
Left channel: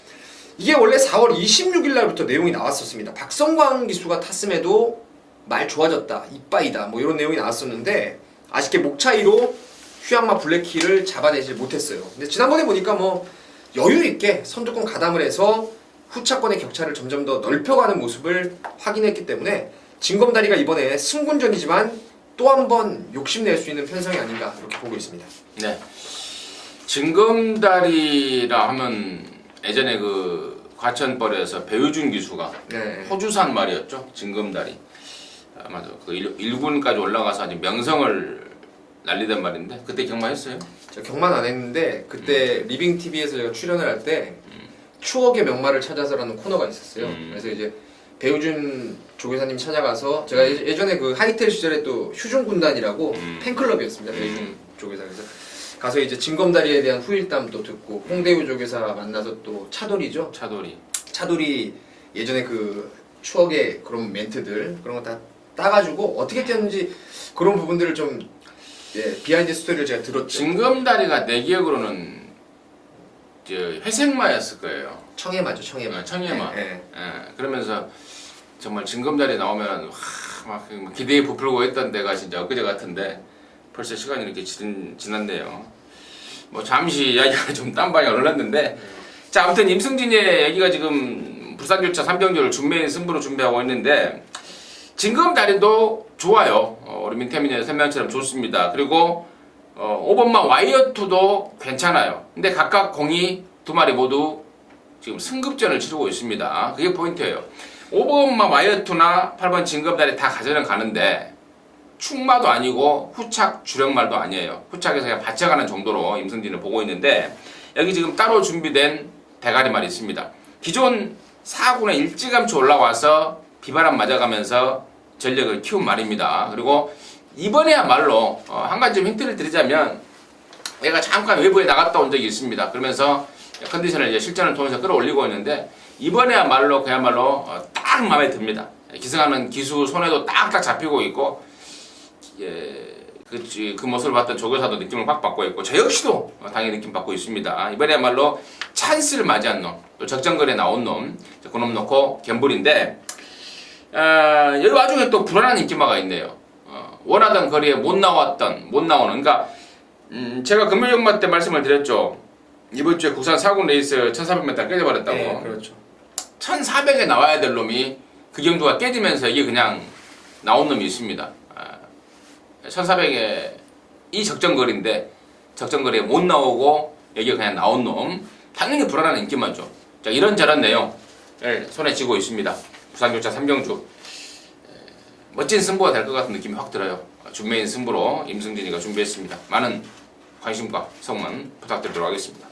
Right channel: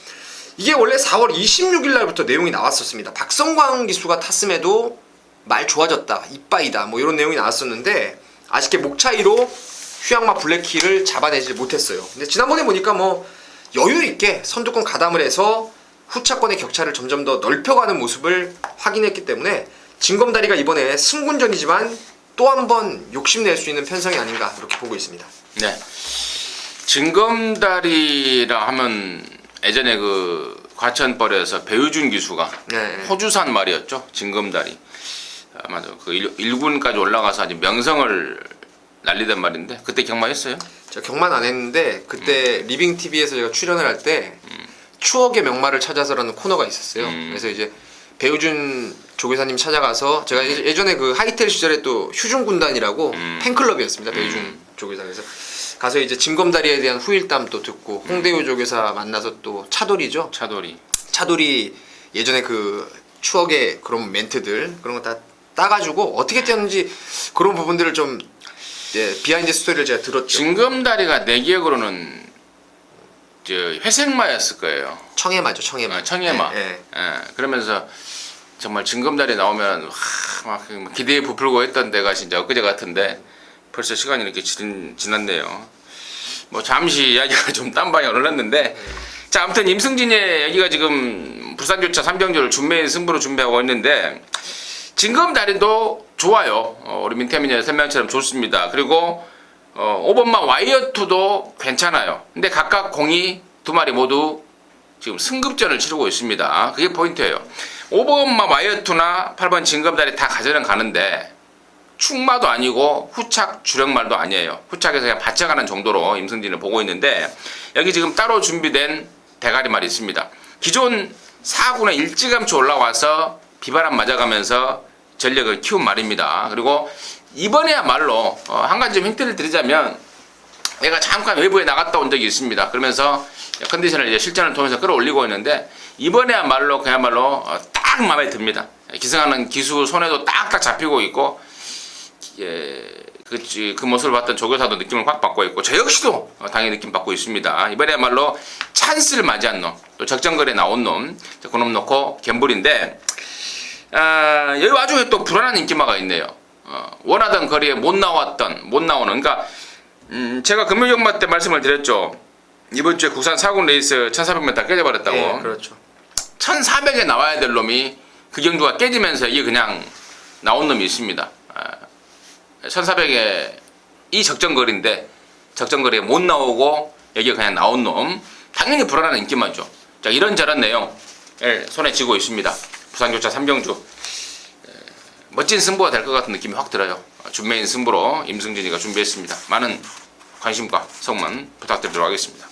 이게 원래 4월 26일 날부터 내용이 나왔었습니다. 박성광 기수가 탔음에도 말 좋아졌다, 이빠이다 뭐 이런 내용이 나왔었는데, 아쉽게 목 차이로 휴양마 블랙키를 잡아내지 못했어요. 근데 지난번에 보니까 뭐 여유 있게 선두권 가담을 해서 후차권의 격차를 점점 더 넓혀가는 모습을 확인했기 때문에 진검다리가 이번에 승군전이지만 또 한 번 욕심낼 수 있는 편성이 아닌가 이렇게 보고 있습니다. 네. 진검다리라 하면 예전에 그 과천벌에서 배우준 기수가 호주산 말이었죠. 진검다리. 맞아. 그 1군까지 올라가서 아주 명성을 날리던 말인데, 그때 경마했어요? 제가 경만 안 했는데 그때 리빙TV에서 제가 출연을 할 때 추억의 명마를 찾아서라는 코너가 있었어요. 그래서 이제 배우준 조교사님 찾아가서 제가 예전에 그 하이텔 시절에 또 휴중 군단이라고 팬클럽이었습니다. 배우준 조교사. 그래서 가서 이제 징검다리에 대한 후일담 또 듣고 홍대우 조교사 만나서 또 차돌이죠. 차돌이 예전에 그 추억의 그런 멘트들 그런 거 다 따가지고 어떻게 뛰었는지 그런 부분들을 좀 비하인드 스토리를 제가 들었죠. 징검다리가 내 기억으로는 저 회색마였을 거예요. 청해마죠, 청해마. 청해마. 네. 그러면서 정말 징검다리 나오면 막 기대에 부풀고 했던 데가 진짜 엊그제 같은데 벌써 시간이 이렇게 지났네요. 뭐 잠시 이야기가 좀 딴 방향으로 흘렀는데 자 아무튼 임승진의 얘기가 지금 부산교차 3병조를 준메인 승부로 준비하고 있는데 징검다리도 좋아요. 우리 민태민의 설명처럼 좋습니다. 그리고 오번마 와이어2도 괜찮아요. 근데 각각 공이 두 마리 모두 지금 승급전을 치르고 있습니다. 그게 포인트예요. 5번마 와이어2나 8번 징검다리 다 가져는 가는데 축마도 아니고 후착 주력말도 아니에요. 후착에서 그냥 받쳐가는 정도로 임승진을 보고 있는데 여기 지금 따로 준비된 대가리말이 있습니다. 기존 4군에 일찌감치 올라와서 비바람 맞아가면서 전력을 키운 말입니다. 그리고 이번에야말로 한 가지 좀 힌트를 드리자면 얘가 잠깐 외부에 나갔다 온 적이 있습니다. 그러면서 컨디션을 이제 실전을 통해서 끌어올리고 있는데 이번에야말로 그야말로 딱 마음에 듭니다. 기승하는 기수 손에도 딱딱 잡히고 있고 그 모습을 봤던 조교사도 느낌을 확 받고 있고 저 역시도 당연히 느낌 받고 있습니다. 이번에야말로 찬스를 맞이한 놈, 또 적정거리에 나온 놈, 그놈 놓고 갬블인데 여기 와중에 또 불안한 인기마가 있네요. 원하던 거리에 못 나오는 그러니까 제가 금요일연마 때 말씀을 드렸죠. 이번 주에 국산 4군 레이스 1400m 다 깨져버렸다고. 네, 그렇죠. 1400에 나와야 될 놈이 그 경주가 깨지면서 이게 그냥 나온 놈이 있습니다. 1400에 이 적정거리인데 적정거리에 못 나오고 여기가 그냥 나온 놈 당연히 불안한 인기마죠. 자 이런저런 내용을 손에 쥐고 있습니다. 부산교차 3병주 멋진 승부가 될 것 같은 느낌이 확 들어요. 준메인 승부로 임승진이가 준비했습니다. 많은 관심과 성원 부탁드리도록 하겠습니다.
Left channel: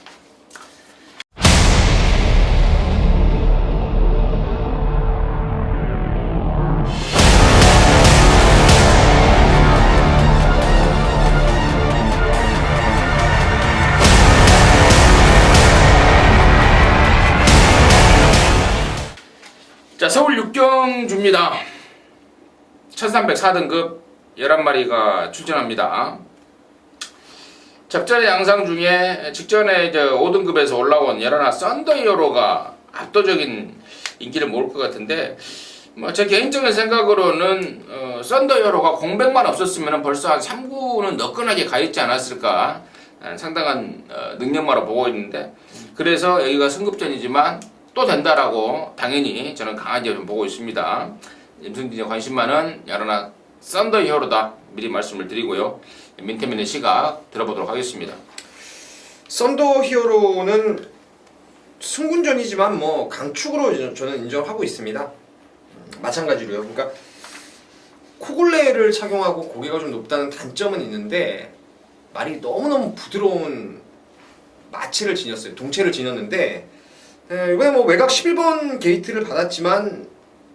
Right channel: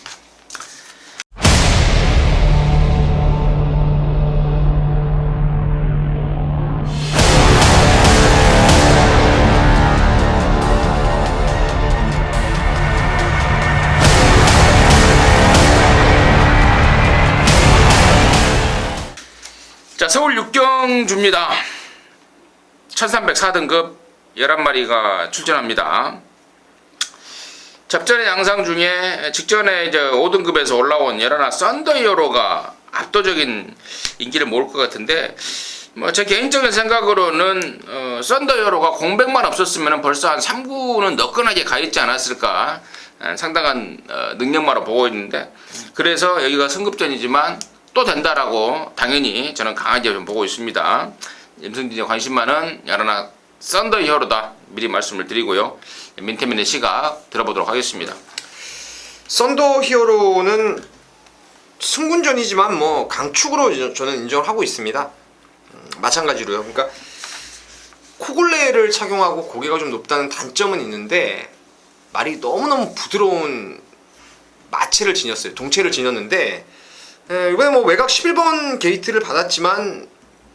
자 서울 6경주입니다. 1304등급 11마리가 출전합니다. 접전의 양상 중에 직전에 5등급에서 올라온 여러나 썬더히어로가 압도적인 인기를 모을 것 같은데 뭐 제 개인적인 생각으로는 썬더히어로가 공백만 없었으면 벌써 한 3구는 너끈하게 가있지 않았을까 상당한 능력마로 보고 있는데 그래서 여기가 승급전이지만 또 된다라고 당연히 저는 강하게 좀 보고 있습니다. 임승진의 관심 많은 여러나 썬더히어로다 미리 말씀을 드리고요. 민태민의 시각 들어보도록 하겠습니다. 썬더히어로는 승군전이지만 뭐 강축으로 저는 인정을 하고 있습니다. 마찬가지로요. 그러니까 코골레를 착용하고 고개가 좀 높다는 단점은 있는데 말이 너무너무 부드러운 마체를 지녔어요. 동체를 지녔는데 이번에 뭐 외곽 11번 게이트를 받았지만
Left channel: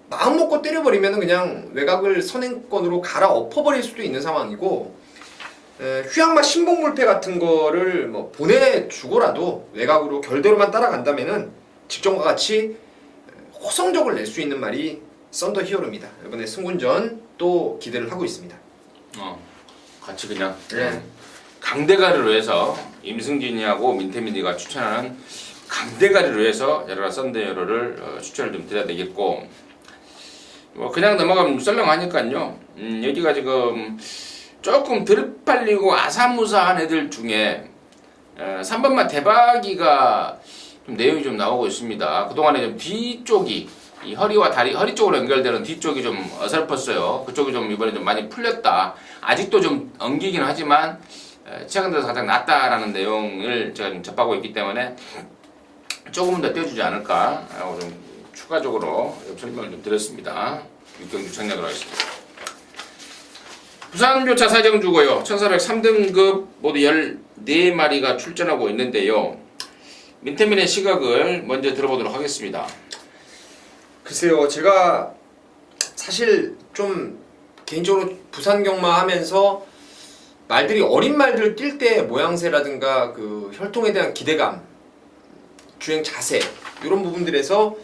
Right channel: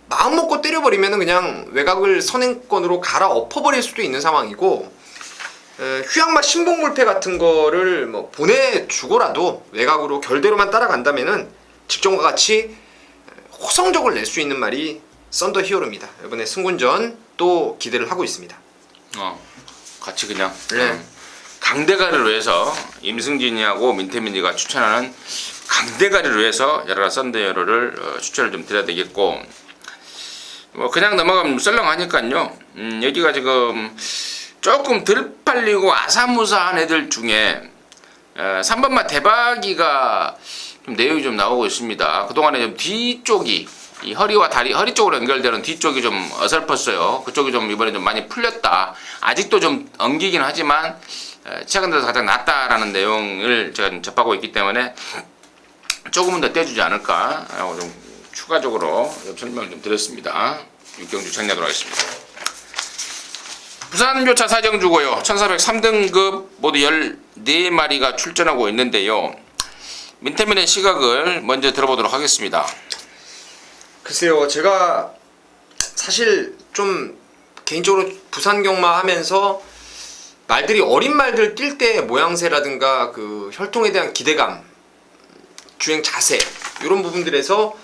마음 먹고 때려버리면 그냥 외곽을 선행권으로 갈아엎어버릴 수도 있는 상황이고 휴양마 신봉불패 같은 거를 뭐 보내주고라도 외곽으로 결대로만 따라간다면은 직전과 같이 호성적을 낼 수 있는 말이 썬더히어로입니다. 이번에 승군전 또 기대를 하고 있습니다. 같이 그냥 네. 강대가리로 해서 임승진이하고 민태민이가 추천하는 강대가리로 해서 여러나 썬더히어로를 추천을 좀 드려야 되겠고 뭐 그냥 넘어가면 썰렁하니까요. 여기가 지금 조금 덜 팔리고 아사무사한 애들 중에 3번만 대박이가 좀 내용이 좀 나오고 있습니다. 그동안에 좀 뒤쪽이 이 허리와 다리, 허리 쪽으로 연결되는 뒤쪽이 좀 어설펐어요. 그쪽이 좀 이번에 좀 많이 풀렸다. 아직도 좀 엉기긴 하지만 최근 들어서 가장 낫다라는 내용을 제가 접하고 있기 때문에 조금은 더 떼주지 않을까 하고 좀 추가적으로 설명을 좀 드렸습니다. 6경주 정리하도록 하겠습니다. 부산교차 사정주고요. 1403등급 모두 14마리가 출전하고 있는데요. 민태민의 시각을 먼저 들어보도록 하겠습니다. 글쎄요, 제가 사실 좀 개인적으로 부산 경마하면서 말들이 어린 말들 뛸 때 모양새라든가 그 혈통에 대한 기대감, 주행 자세 이런 부분들에서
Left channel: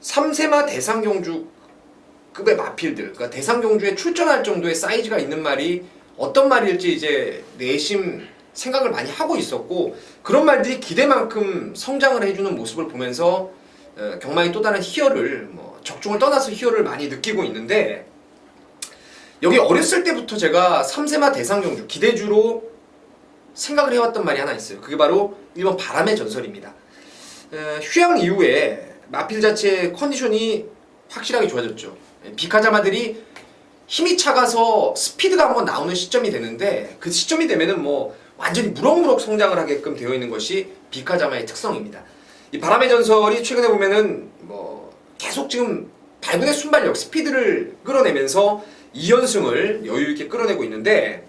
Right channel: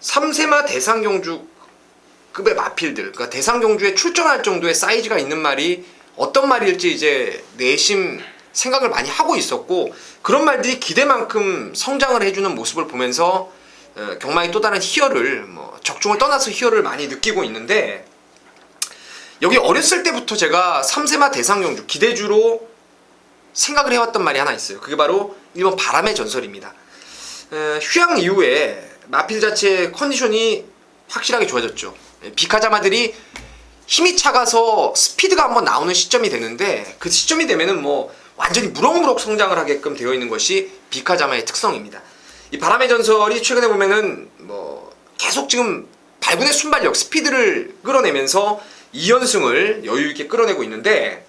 3세마 대상경주급의 마필들, 그러니까 대상경주에 출전할 정도의 사이즈가 있는 말이 어떤 말일지 이제 내심 생각을 많이 하고 있었고, 그런 말들이 기대만큼 성장을 해주는 모습을 보면서 경마의 또 다른 희열을, 뭐 적중을 떠나서 희열을 많이 느끼고 있는데, 여기 어렸을 때부터 제가 3세마 대상경주 기대주로 생각을 해왔던 말이 하나 있어요. 그게 바로 1번 바람의 전설입니다. 휴양 이후에 마필 자체의 컨디션이 확실하게 좋아졌죠. 비카자마들이 힘이 차가서 스피드가 한번 나오는 시점이 되는데, 그 시점이 되면은 뭐 완전히 무럭무럭 성장을 하게끔 되어 있는 것이 비카자마의 특성입니다. 이 바람의 전설이 최근에 보면은 뭐 계속 지금 발군의 순발력, 스피드를 끌어내면서 2연승을 여유있게 끌어내고 있는데,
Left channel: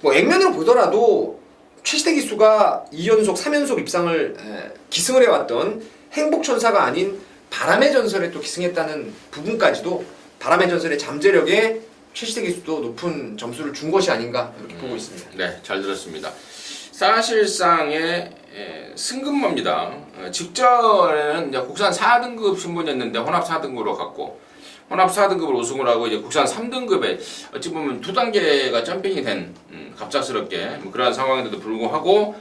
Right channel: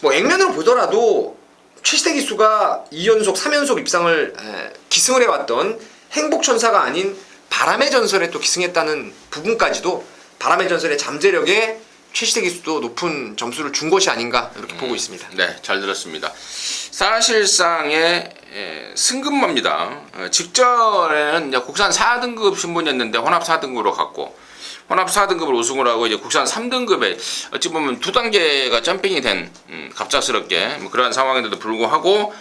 뭐 액면으로 보더라도 최시대 기수가 2연속, 3연속 입상을 기승을 해왔던 행복천사가 아닌 바람의 전설에 또 기승했다는 부분까지도 바람의 전설의 잠재력에 최시대 기수도 높은 점수를 준 것이 아닌가 이렇게 보고 있습니다. 네, 잘 들었습니다. 사실상의 승급마입니다. 직전에는 이제 국산 4등급 신분이었는데 혼합 4등급으로 갔고, 혼합 4등급을 우승을 하고 이제 국산 3등급에 어찌 보면 2단계가 점핑이 된 갑작스럽게 뭐 그러한 상황인데도 불구하고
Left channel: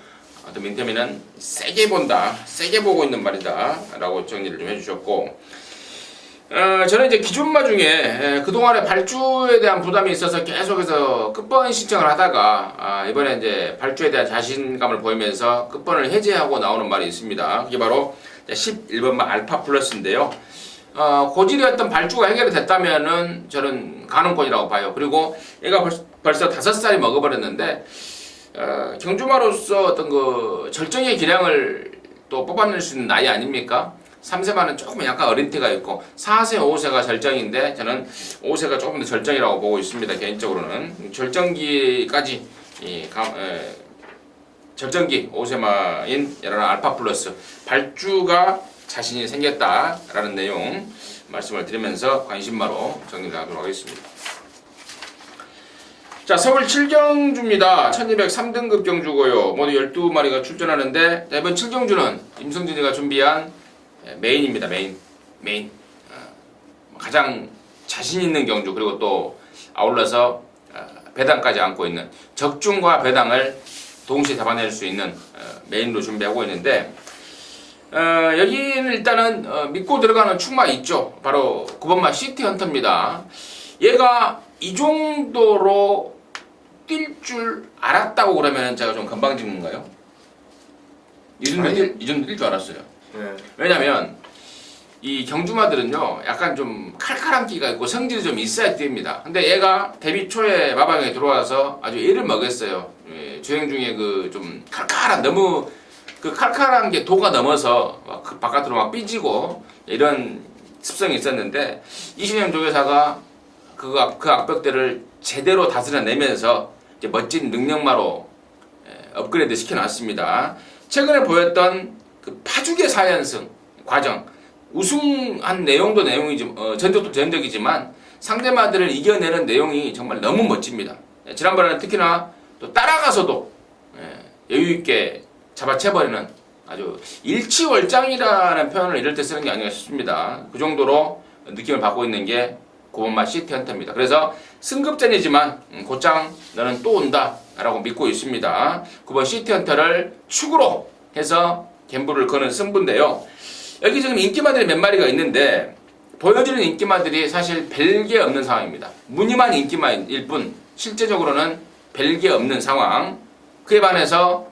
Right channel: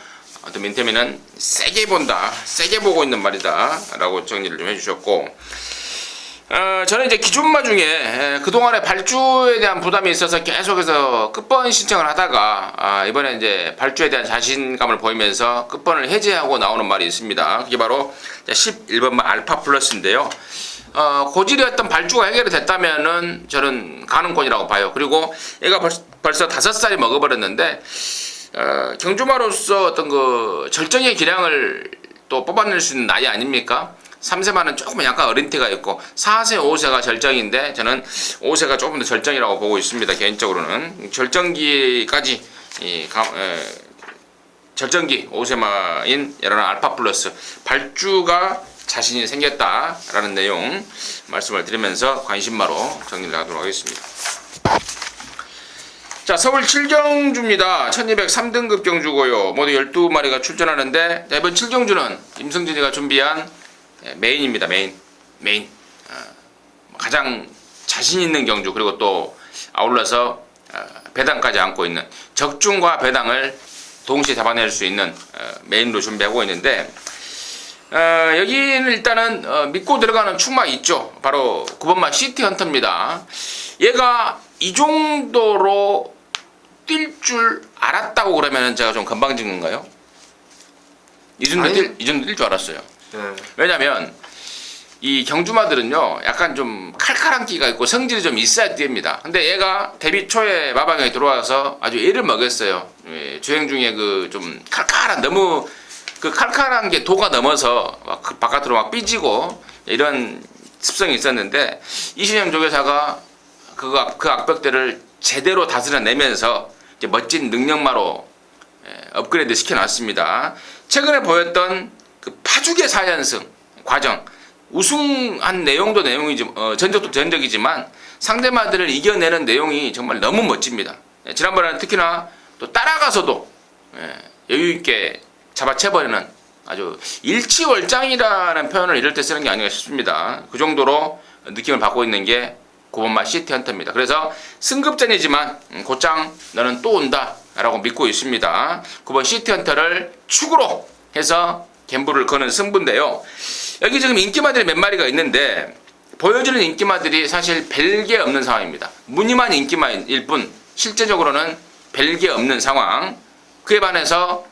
민태민은 세게 본다, 세게 보고 있는 말이다 라고 정리를 좀 해주셨고, 저는 이제 기존마 중에 그동안에 발주에 대한 부담이 있어서 계속해서 끝번 신청을 하다가 이번에 이제 발주에 대한 자신감을 보이면서 끝번을 해제하고 나오는 말이 있습니다. 그게 바로 11번마 알파 플러스인데요. 고질의 어떤 발주가 해결이 됐다면은 저는 가능권이라고 봐요. 그리고 얘가 벌써 5살이 먹어버렸는데 경주마로서 어떤 그 절정의 기량을 또 뽑아낼 수 있는 나이 아닙니까? 3세마는 조금 약간 어린 티가 있고 4세, 5세가 절정인데 저는 5세가 조금 더 절정이라고 보고 있습니다. 개인적으로는 절정기까지 절정기 5세마인 여러나 알파 플러스 발주가 자신이 생겼다라는 내용 말씀을 드리면서 관심마로 정리를 하도록 하겠습니다. 자, 서울 7경주입니다. 1203등급 경주고요. 모두 12마리가 출전하는데, 이번 7경주는 임성진이가 준비한 메인입니다. 메인. 가장 자신 있는 경주, 그리고 또 아울러서 배당까지 안고 있는 적중과 배당을 동시에 잡아낼 수 있는 메인으로 준비하고 있는데, 여기는 일단은 믿고 들어가는 축마 있죠. 바로 9번마 시티헌터입니다. 얘가 이 정도로 뛸 줄 알았다고 그러면 제가 좀 건방진 건가요? 이 정도 뛸 줄 알았어요. 왜냐면 이 경주마들은요 약간 좀 칼칼한 끼가 있고 성질이 좀 있어야 됩니다. 근데 얘가 데뷔 초에 마방에 들어와서 아주 애를 먹였어요. 주행 중에 그 좀 칼칼한, 너무 그 칼칼한 게 도가 넘어서 막 바깥으로 막 삐지고 이런 습성이 있었는데, 이신영 조교사가 그 악벽들을 제대로 다스려내면서 이제 멋진 능력마로 업그레이드 시켜놨습니다. 최근에 보였던 그 파죽의 4연승 과정, 우승한 내용도 내용이지, 전적도 전적이지만 상대마들을 이겨내는 내용이 정말 너무 멋집니다. 지난번에는 특히나 또 따라가서도 여유있게 잡아채버리는 아주 일치월장이라는 표현을 이럴 때 쓰는 게 아닌가 싶습니다. 그 정도로 느낌을 받고 있는 게 9번마 시티헌터입니다. 그래서 승급전이지만 곧장 너는 또 온다 라고 믿고 있습니다. 9번 시티헌터를 축으로 해서 갬블을 거는 승부인데요. 여기 지금 인기마들이 몇 마리가 있는데 보여주는 인기마들이 사실 별게 없는 상황입니다. 무늬만 인기마일 뿐 실제적으로는 별게 없는 상황. 그에 반해서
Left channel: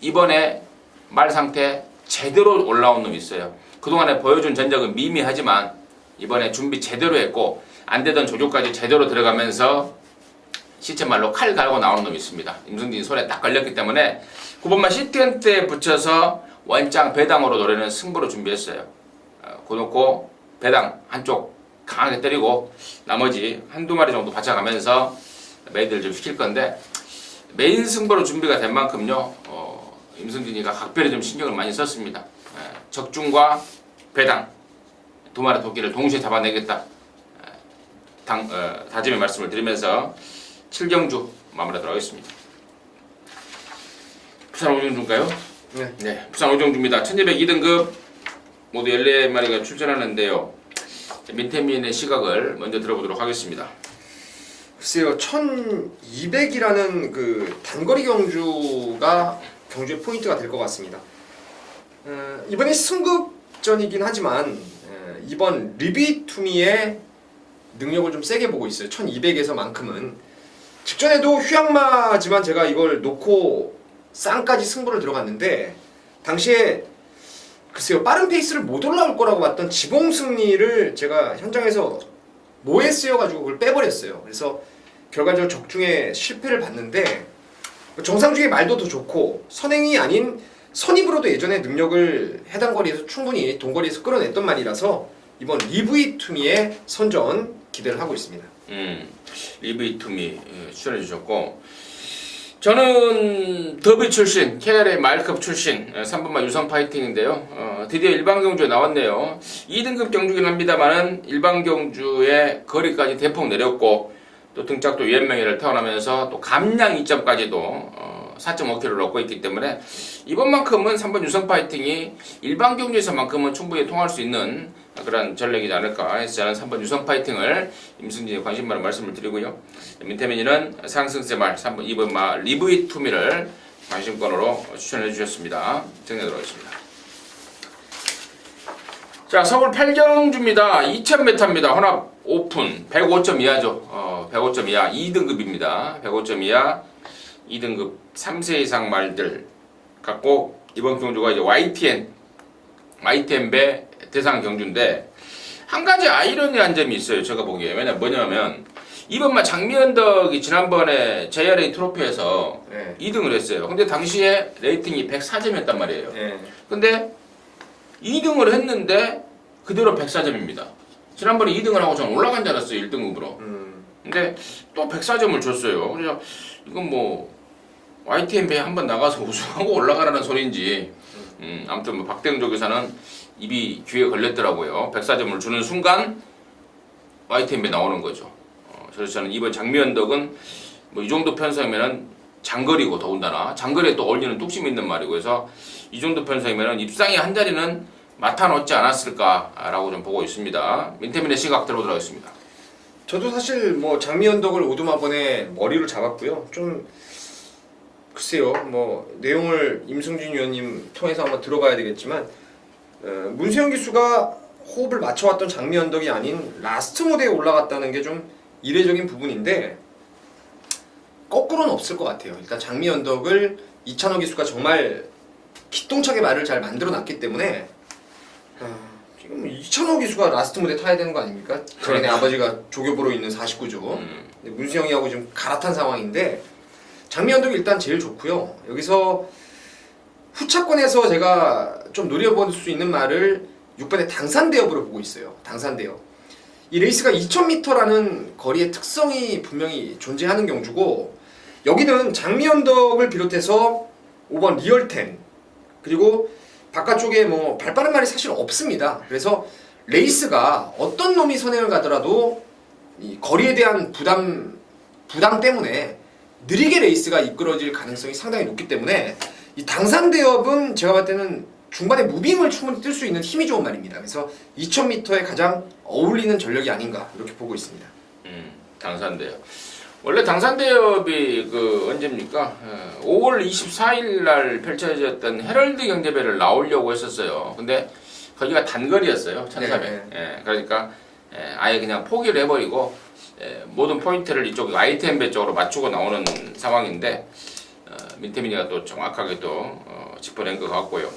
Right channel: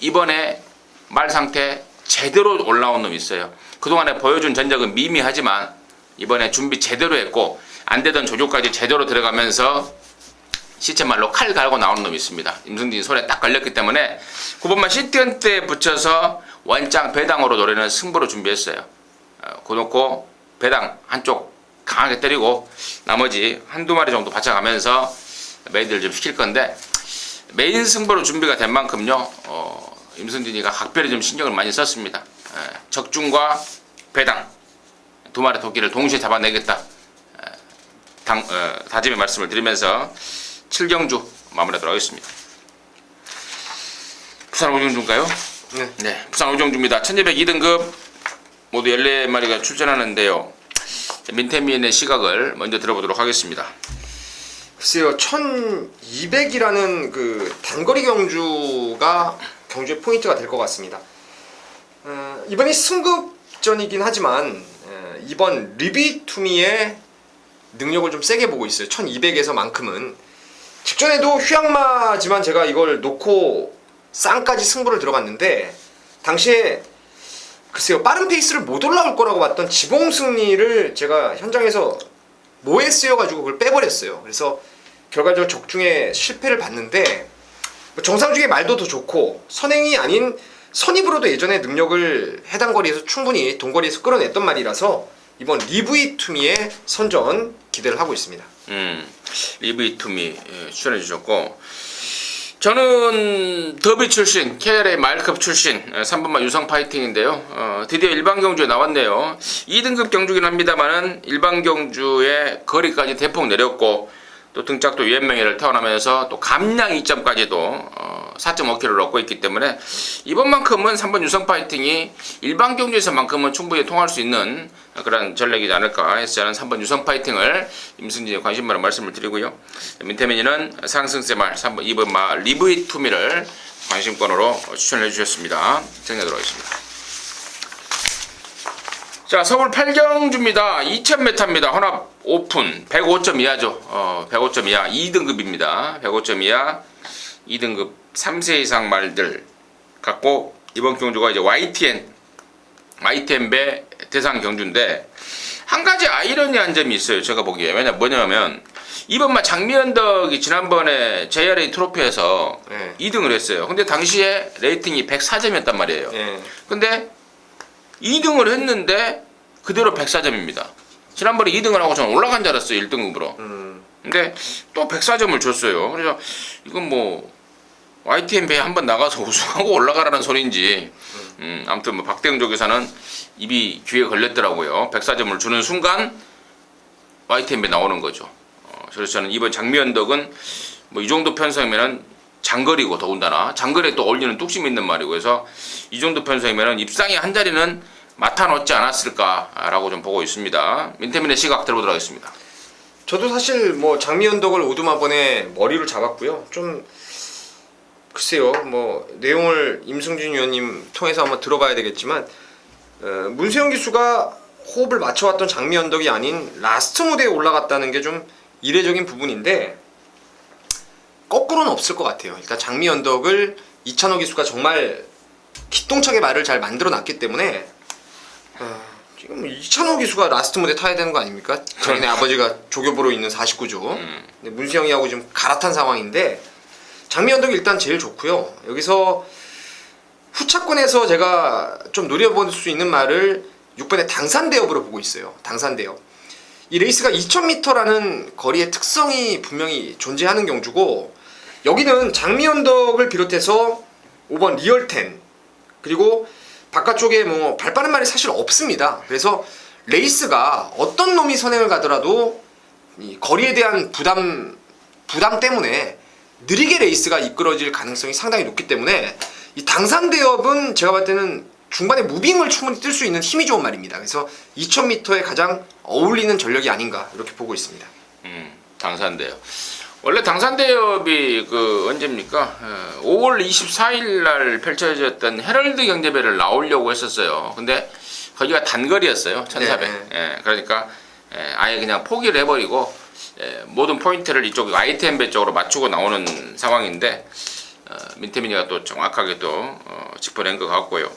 이번에 말 상태 제대로 올라온 놈이 있어요. 그동안에 보여준 전적은 미미하지만 이번에 준비 제대로 했고 안 되던 조교까지 제대로 들어가면서 시체말로 칼 갈고 나오는 놈이 있습니다. 임승진 손에 딱 걸렸기 때문에 9번만 시티헌터에 붙여서 원장 배당으로 노리는 승부로 준비했어요. 고놓고 배당 한쪽 강하게 때리고 나머지 한두 마리 정도 받쳐가면서 메이드를 좀 시킬 건데, 메인 승부로 준비가 된 만큼요 임승진이가 각별히 좀 신경을 많이 썼습니다. 적중과 배당 두 마리 토끼를 동시에 잡아내겠다 다짐의 말씀을 드리면서 7경주 마무리하도록 하겠습니다. 부산 오정주인가요? 네, 부산 오정주입니다. 1202등급 모두 14마리가 출전하는데요. 민태민의 시각을 먼저 들어보도록 하겠습니다. 글쎄요, 1200이라는 그 단거리 경주가 경주의 포인트가 될 것 같습니다. 이번이 승급전이긴 하지만 이번 리비투미의 능력을 좀 세게 보고 있어요. 1200에서만큼은 직전에도 휴양마지만 제가 이걸 놓고 쌍까지 승부를 들어갔는데 당시에 글쎄요, 빠른 페이스를 못 올라올 거라고 봤던 지봉 승리를 제가 현장에서 뭐에 쓰여가지고 그걸 빼버렸어요. 그래서 결과적으로 적중에 실패를 봤는데 정상 중에 말도 더 좋고 선행이 아닌 선입으로도 예전에 능력을 해당 거리에서 충분히 동거리에서 끌어냈던 말이라서 이번 리브이투미의 선전 기대를 하고 있습니다. 리브이투미 추천해 주셨고, 저는 더비 출신, KLA 마일컵 출신 3번마 유성 파이팅인데요. 드디어 일반 경주에 나왔네요. 2등급 경주긴 합니다만은 일반 경주의 거리까지 대폭 내렸고 또 등짝도 유엔명예를 태어나면서 또 감량 2점까지도 4.5kg를 얻고 있기 때문에 이번만큼은 3번 유성 파이팅이 일반 경주에서만큼은 충분히 통할 수 있는 그런 전략이지 않을까 해서 저는 3번 유성 파이팅을 임승진의 관심 많은 말씀을 드리고요. 민태민이는 상승세 말 3번 2번 마 리브이투미를 관심권으로 추천해 주셨습니다. 정리하도록 하겠습니다. 자, 서울 8경주입니다. 2000m입니다. 혼합 오픈 105점 이하죠. 105점 이하 2등급입니다. 105점 이하 2등급 3세 이상 말들 갖고 이번 경주가 이제 YTN 배 대상 경주인데 한 가지 아이러니한 점이 있어요. 제가 보기에. 뭐냐면 이번 마 장미언덕이 지난번에 JRA 트로피에서 2등을 했어요. 근데 당시에 레이팅이 104점이었단 말이에요. 근데 2등을 했는데 그대로 104점입니다. 지난번에 2등을 하고 저는 올라간 줄 알았어요. 1등급으로. 근데 또 104점을 줬어요. 그래서 이건 뭐 YTN 배에 한번 나가서 우승하고 올라가라는 소리인지 아무튼 뭐 박대영 조교사는 입이 귀에 걸렸더라고요. 104점을 주는 순간 YTN 배 나오는 거죠. 그래서 저는 이번 장미언덕은 뭐 이 정도 편성이면은 장거리고 더군다나 장거리에 또 어울리는 뚝심이 있는 말이고 그래서 이 정도 편성이면은 입상의 한 자리는 맡아놓지 않았을까라고 좀 보고 있습니다. 민태민의 시각 들어보도록 하겠습니다. 저도 사실 뭐 장미언덕을 오두마번에 머리로 잡았고요. 좀 글쎄요, 뭐 내용을 임승진 위원님 통해서 한번 들어봐야 되겠지만 문세영 기수가 호흡을 맞춰왔던 장미언덕이 아닌 라스트 무대에 올라갔다는 게 좀 이례적인 부분인데 거꾸로는 없을 것 같아요. 일단 장미언덕을 이찬호 기수가 정말 기똥차게 말을 잘 만들어놨기 때문에 지금 뭐 이찬호 기수가 라스트 무대 타야 되는 거 아닙니까? 자기네 아버지가 조교부로 있는 49조. 근데 문세영이하고 지금 갈아탄 상황인데 장미언덕이 일단 제일 좋고요. 여기서 후차권에서 제가 좀 노려볼 수 있는 말을 6번의 당산대업으로 보고 있어요. 당산대업. 이 레이스가 2000m라는 거리의 특성이 분명히 존재하는 경주고 여기는 장미언덕을 비롯해서 5번 리얼텐 그리고 바깥쪽에 뭐 발빠른 말이 사실 없습니다. 그래서 레이스가 어떤 놈이 선행을 가더라도 이 거리에 대한 부담 때문에 느리게 레이스가 이끌어질 가능성이 상당히 높기 때문에 이 당산대업은 제가 봤을 때는 중반에 무빙을 충분히 뜰 수 있는 힘이 좋은 말입니다. 그래서 2000m에 가장 어울리는 전력이 아닌가 이렇게 보고 있습니다. 당산대업. 원래 당산대업이 그 언제입니까? 5월 24일 날 펼쳐졌던 헤럴드 경제배를 나오려고 했었어요. 근데 거기가 단거리였어요. 1400. 그러니까 아예 그냥 포기를 해버리고 모든 포인트를 이쪽 YTN 쪽으로 맞추고 나오는 상황인데 민태민이가 또 정확하게 또 짚어낸 것 같고요.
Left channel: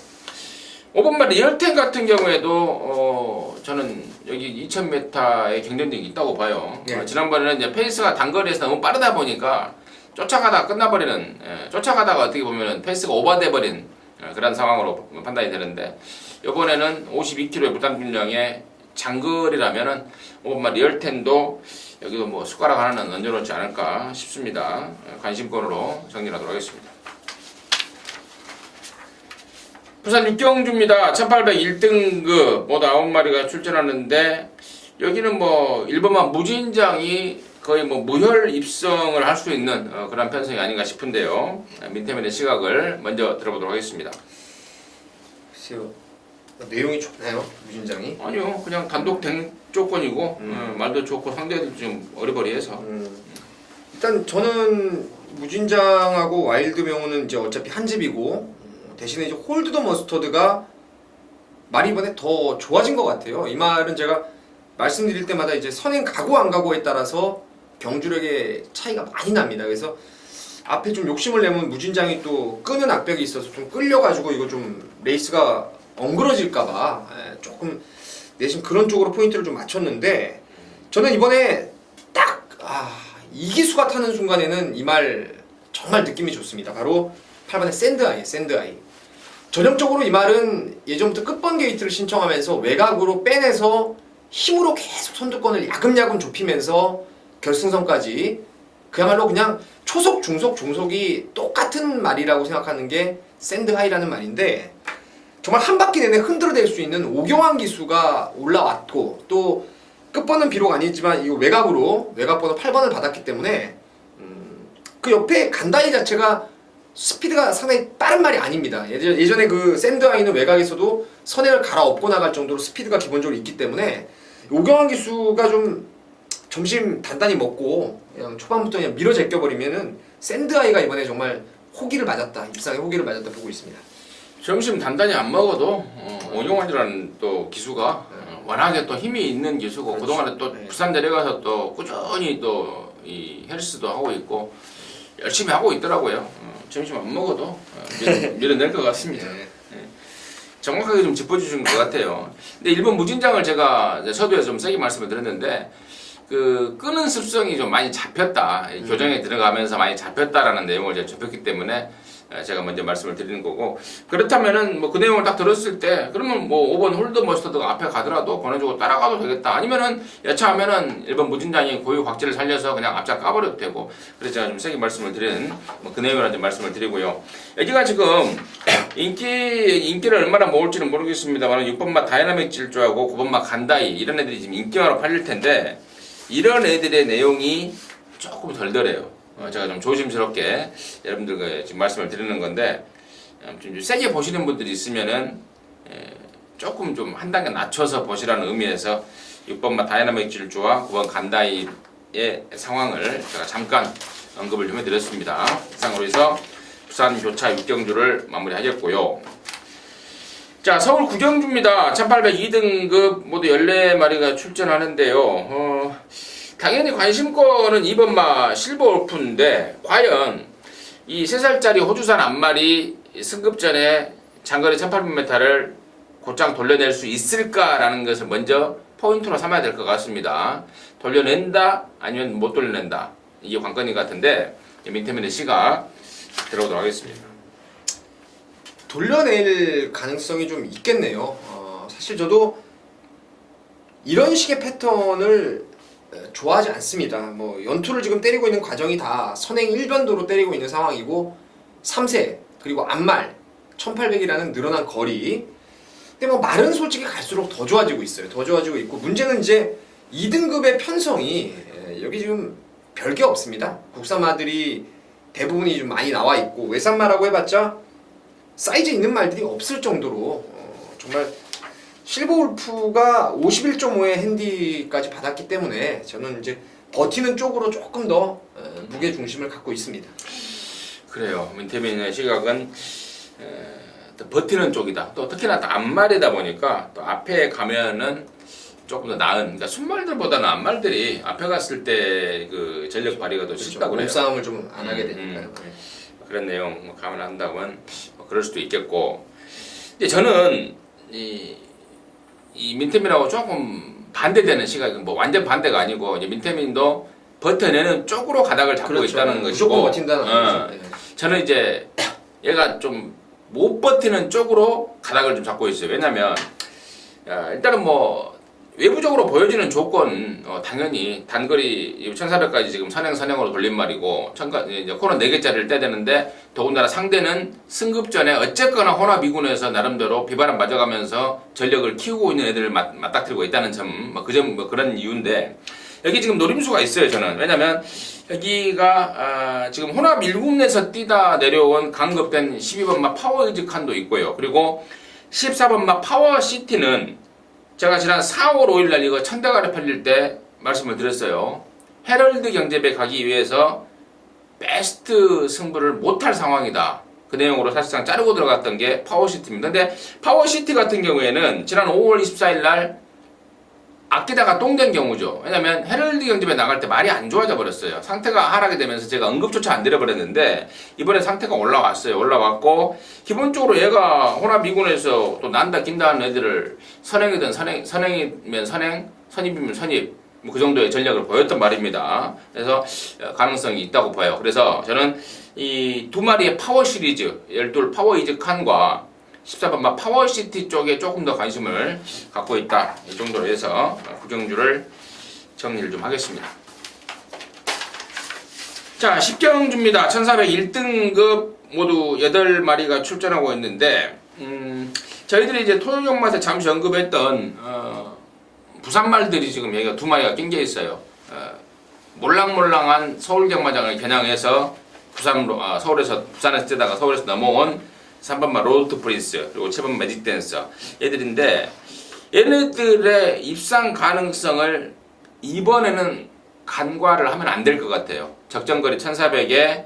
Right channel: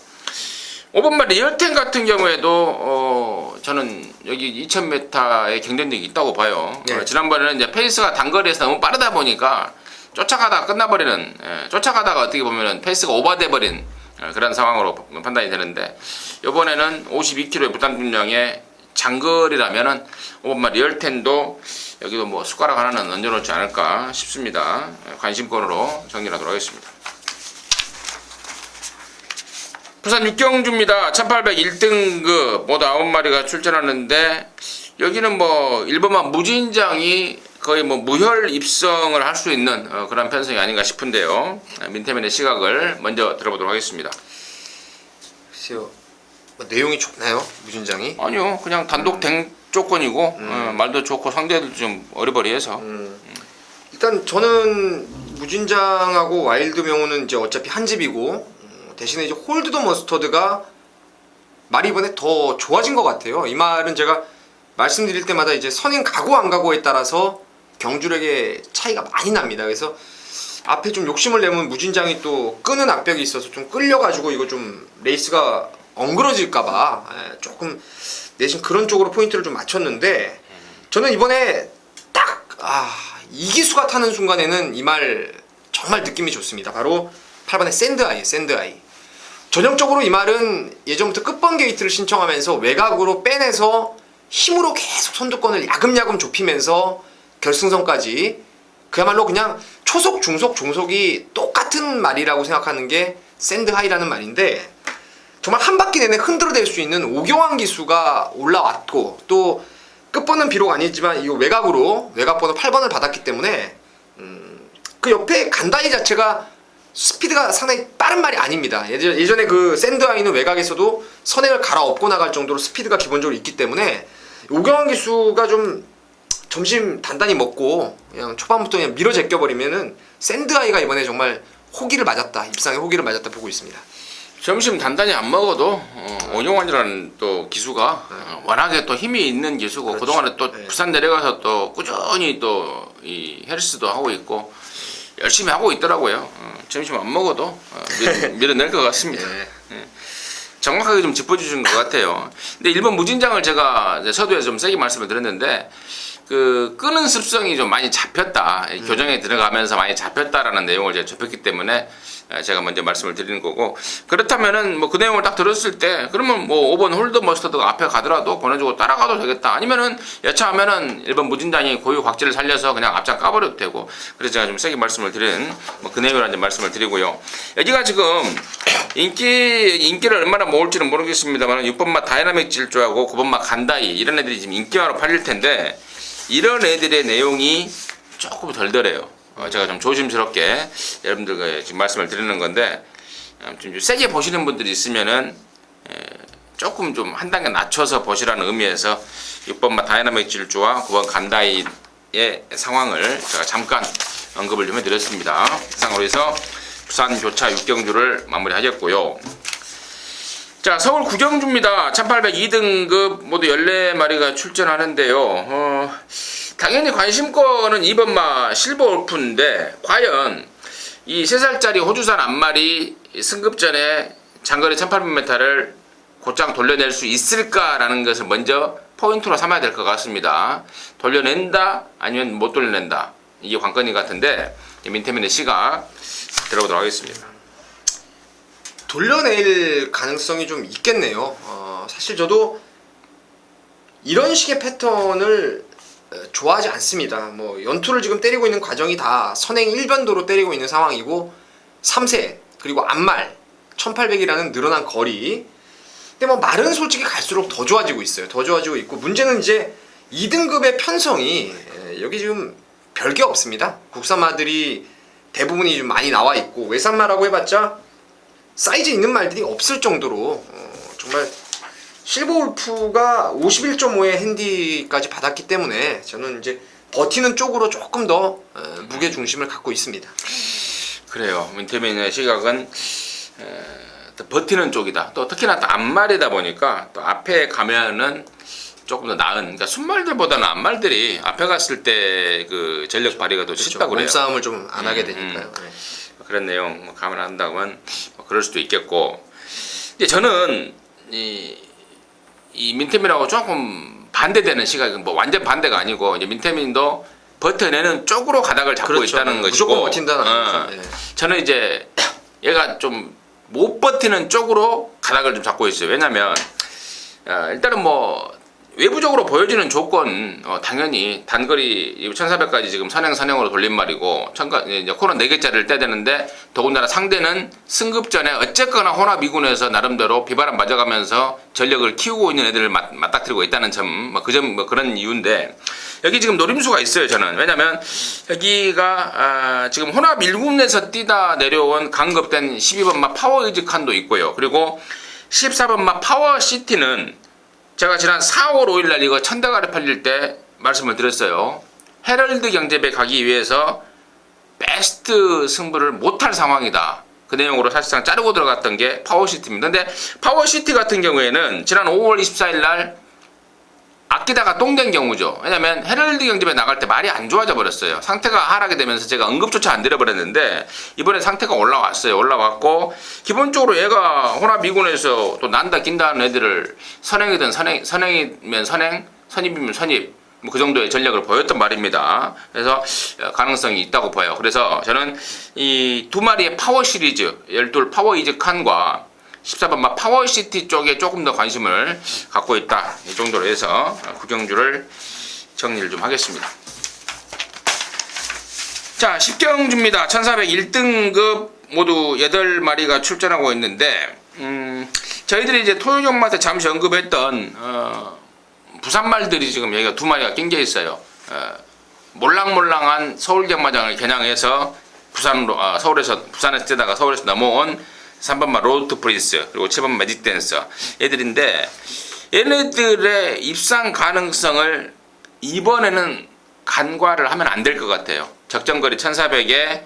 5번마 리얼텐 같은 경우에도 저는 여기 2000m의 경쟁력이 있다고 봐요. 지난번에는 이제 페이스가 단거리에서 너무 빠르다 보니까 쫓아가다가 끝나버리는 쫓아가다가 어떻게 보면은 페이스가 오버돼 버린 그런 상황으로 판단이 되는데 이번에는 52kg의 부담 중량의 장거리라면은 5번마 리얼텐도 여기도 뭐 숟가락 하나는 얹어놓지 않을까 싶습니다. 관심권으로 정리하도록 하겠습니다. 부산 육경주입니다. 1801등급 모두 9마리가 출전하는데 여기는 뭐 일본만 무진장이 거의 뭐 무혈 입성을 할 수 있는 그런 편성이 아닌가 싶은데요. 민태민의 시각을 먼저 들어보도록 하겠습니다. 글쎄요. 뭐 내용이 좋나요? 무진장이? 아니요, 그냥 단독 댕 조건이고 말도 좋고 상대들도 좀 어리버리해서 일단 저는 무진장하고 와일드 명호는 이제 어차피 한 집이고 대신에 이제 홀드 더 머스터드가 말이 이번에 더 좋아진 것 같아요. 이 말은 제가 말씀드릴 때마다 이제 선행 가고 안 가고에 따라서 경주력의 차이가 많이 납니다. 그래서 앞에 좀 욕심을 내면 무진장이 또 끄는 악벽이 있어서 좀 끌려가지고 이거 좀 레이스가 엉그러질까봐 조금 내심 그런 쪽으로 포인트를 좀 맞췄는데 저는 이번에 딱 이기수가 타는 순간에는 이 말 정말 느낌이 좋습니다. 바로 8번의 샌드아이. 전형적으로 이 말은 예전부터 끝번 게이트를 신청하면서 외곽으로 빼내서 힘으로 계속 선두권을 야금야금 좁히면서 결승선까지 그야말로 그냥 초속, 중속, 종속이 똑같은 말이라고 생각하는 게 샌드하이라는 말인데 정말 한 바퀴 내내 흔들어댈 수 있는 오경환 기수가 올라왔고 또 끝번은 비록 아니지만 이 외곽으로 외곽번호 8번을 받았기 때문에 그 옆에 간다이 자체가 스피드가 상당히 빠른 말이 아닙니다. 예전에 그 샌드아이는 외곽에서도 선행을 갈아엎고 나갈 정도로 스피드가 기본적으로 있기 때문에 오경환 기수가 좀 점심 단단히 먹고 그냥 초반부터 그냥 밀어 제껴버리면은 샌드아이가 이번에 정말 호기를 맞았다. 입상에 호기를 맞았다 보고 있습니다. 점심 단단히 안 먹어도 오경환이라는 또 기수가 워낙에 또 힘이 있는 기수고 그렇죠. 그동안에 또 네. 부산 내려가서 또 꾸준히 또 이 헬스도 하고 있고 열심히 하고 있더라고요. 점심 안 먹어도 밀어낼 것 같습니다. 네. 정확하게 좀 짚어주신 것 같아요. 근데 일본 무진장을 제가 이제 서두에 좀 세게 말씀을 드렸는데 그 끄는 습성이 좀 많이 잡혔다. 교정에 들어가면서 많이 잡혔다라는 내용을 이제 접했기 때문에 제가 먼저 말씀을 드리는 거고 그렇다면은 뭐 그 내용을 딱 들었을 때 그러면 뭐 5번 홀더 머스터드가 앞에 가더라도 보내주고 따라가도 되겠다. 아니면은 여차하면은 일본 무진장이 고유 곽지를 살려서 그냥 앞장 까버려도 되고 그래서 제가 좀 세게 말씀을 드리는 뭐 그 내용을 이제 말씀을 드리고요. 여기가 지금 인기를 얼마나 모을지는 모르겠습니다만 6번마 다이나믹 질주하고 9번마 간다이 이런 애들이 지금 인기만으로 팔릴 텐데 이런 애들의 내용이 조금 덜덜해요. 제가 좀 조심스럽게 여러분들께 지금 말씀을 드리는 건데 좀 세게 보시는 분들이 있으면은 조금 좀 한 단계 낮춰서 보시라는 의미에서 6번마 다이나믹 질주와 9번 간다이의 상황을 제가 잠깐 언급을 좀 해드렸습니다. 이상으로 해서 부산 교차 6경주를 마무리하겠고요. 자, 서울 구경주입니다. 1802등급 모두 14마리가 출전하는데요. 당연히 관심권은 2번마 실버 울프인데 과연 이 3살짜리 호주산 앞마리 승급전에 장거리 1800m를 곧장 돌려낼 수 있을까라는 것을 먼저 포인트로 삼아야 될 것 같습니다. 돌려낸다 아니면 못 돌려낸다 이게 관건이 같은데 민태민의 시각 들어보도록 하겠습니다. 돌려낼 가능성이 좀 있겠네요. 사실 저도 이런 식의 패턴을 좋아하지 않습니다. 뭐 연투를 지금 때리고 있는 과정이 다 선행 일변도로 때리고 있는 상황이고 3세 그리고 앞말 1800이라는 늘어난 거리. 근데 뭐 말은 솔직히 갈수록 더 좋아지고 있어요. 더 좋아지고 있고 문제는 이제 2등급의 편성이 여기 지금 별게 없습니다. 국산마들이 대부분이 좀 많이 나와 있고 외산마라고 해봤자 사이즈 있는 말들이 없을 정도로 정말 실버울프가 51.5의 핸디까지 받았기 때문에 저는 이제 버티는 쪽으로 조금 더 무게 중심을 갖고 있습니다. 그래요. 민태민의 시각은 또 버티는 쪽이다. 또 특히나 또 앞말이다 보니까 또 앞에 가면은 조금 더 나은. 그러니까 순말들보다는 앞말들이 앞에 갔을 때 그 전력 발휘가 더 쉽다고 그래요. 몸싸움을 좀 안 하게 되니까요. 그런 내용 감안한다면 뭐 그럴 수도 있겠고. 근데 저는 이 민태민하고 조금 반대되는 시각은 뭐 완전 반대가 아니고 이제 민태민도 버텨내는 쪽으로 가닥을 잡고 그렇죠. 있다는 것이고 무조건 버틴다는 아니죠. 네. 저는 이제 얘가 좀 못 버티는 쪽으로 가닥을 좀 잡고 있어요. 왜냐면 일단은 뭐 외부적으로 보여지는 조건 당연히 단거리 1400까지 지금 선행으로 돌린 말이고 이제 코너 4개짜리를 떼야 되는데 더군다나 상대는 승급 전에 어쨌거나 호나 미군에서 나름대로 비바람 맞아가면서 전력을 키우고 있는 애들을 맞닥뜨리고 있다는 점 그런 이유인데 여기 지금 노림수가 있어요. 저는 왜냐면 여기가 지금 호나 밀군에서 뛰다 내려온 강급된 12번마 파워이즈 칸도 있고요. 그리고 14번마 파워시티는 제가 지난 4월 5일날 이거 1000대가리 팔릴 때 말씀을 드렸어요. 헤럴드 경제에 가기 위해서 베스트 승부를 못할 상황이다. 그 내용으로 사실상 자르고 들어갔던 게 파워시티입니다. 근데 파워시티 같은 경우에는 지난 5월 24일날 아끼다가 똥된 경우죠. 왜냐면 헤럴드 경제에 나갈 때 말이 안 좋아져 버렸어요. 상태가 하락이 되면서 제가 응급조차 안 드려버렸는데 이번에 상태가 올라왔어요. 올라왔고 기본적으로 얘가 호나 미군에서 또 난다 긴다 하는 애들을 선행이면 선입이면 선입 뭐 그 정도의 전략을 보였단 말입니다. 그래서 가능성이 있다고 봐요. 그래서 저는 이 두 마리의 파워 시리즈 12 파워 이즈 칸과 14번마 파워시티 쪽에 조금 더 관심을 갖고 있다. 이 정도로 해서 구경주를 정리를 좀 하겠습니다. 자, 10경주입니다. 1401등급 모두 8마리가 출전하고 있는데 저희들이 이제 토요경마다 잠시 언급했던 부산말들이 지금 여기가 2마리가 낑겨 있어요. 몰랑몰랑한 서울경마장을 겨냥해서 부산에서 뛰다가 서울에서 넘어온 3번마 로드 프린스 그리고 7번 매직 댄서 애들인데 얘네들의 입상 가능성을 이번에는 간과를 하면 안 될 것 같아요. 적정거리 1400에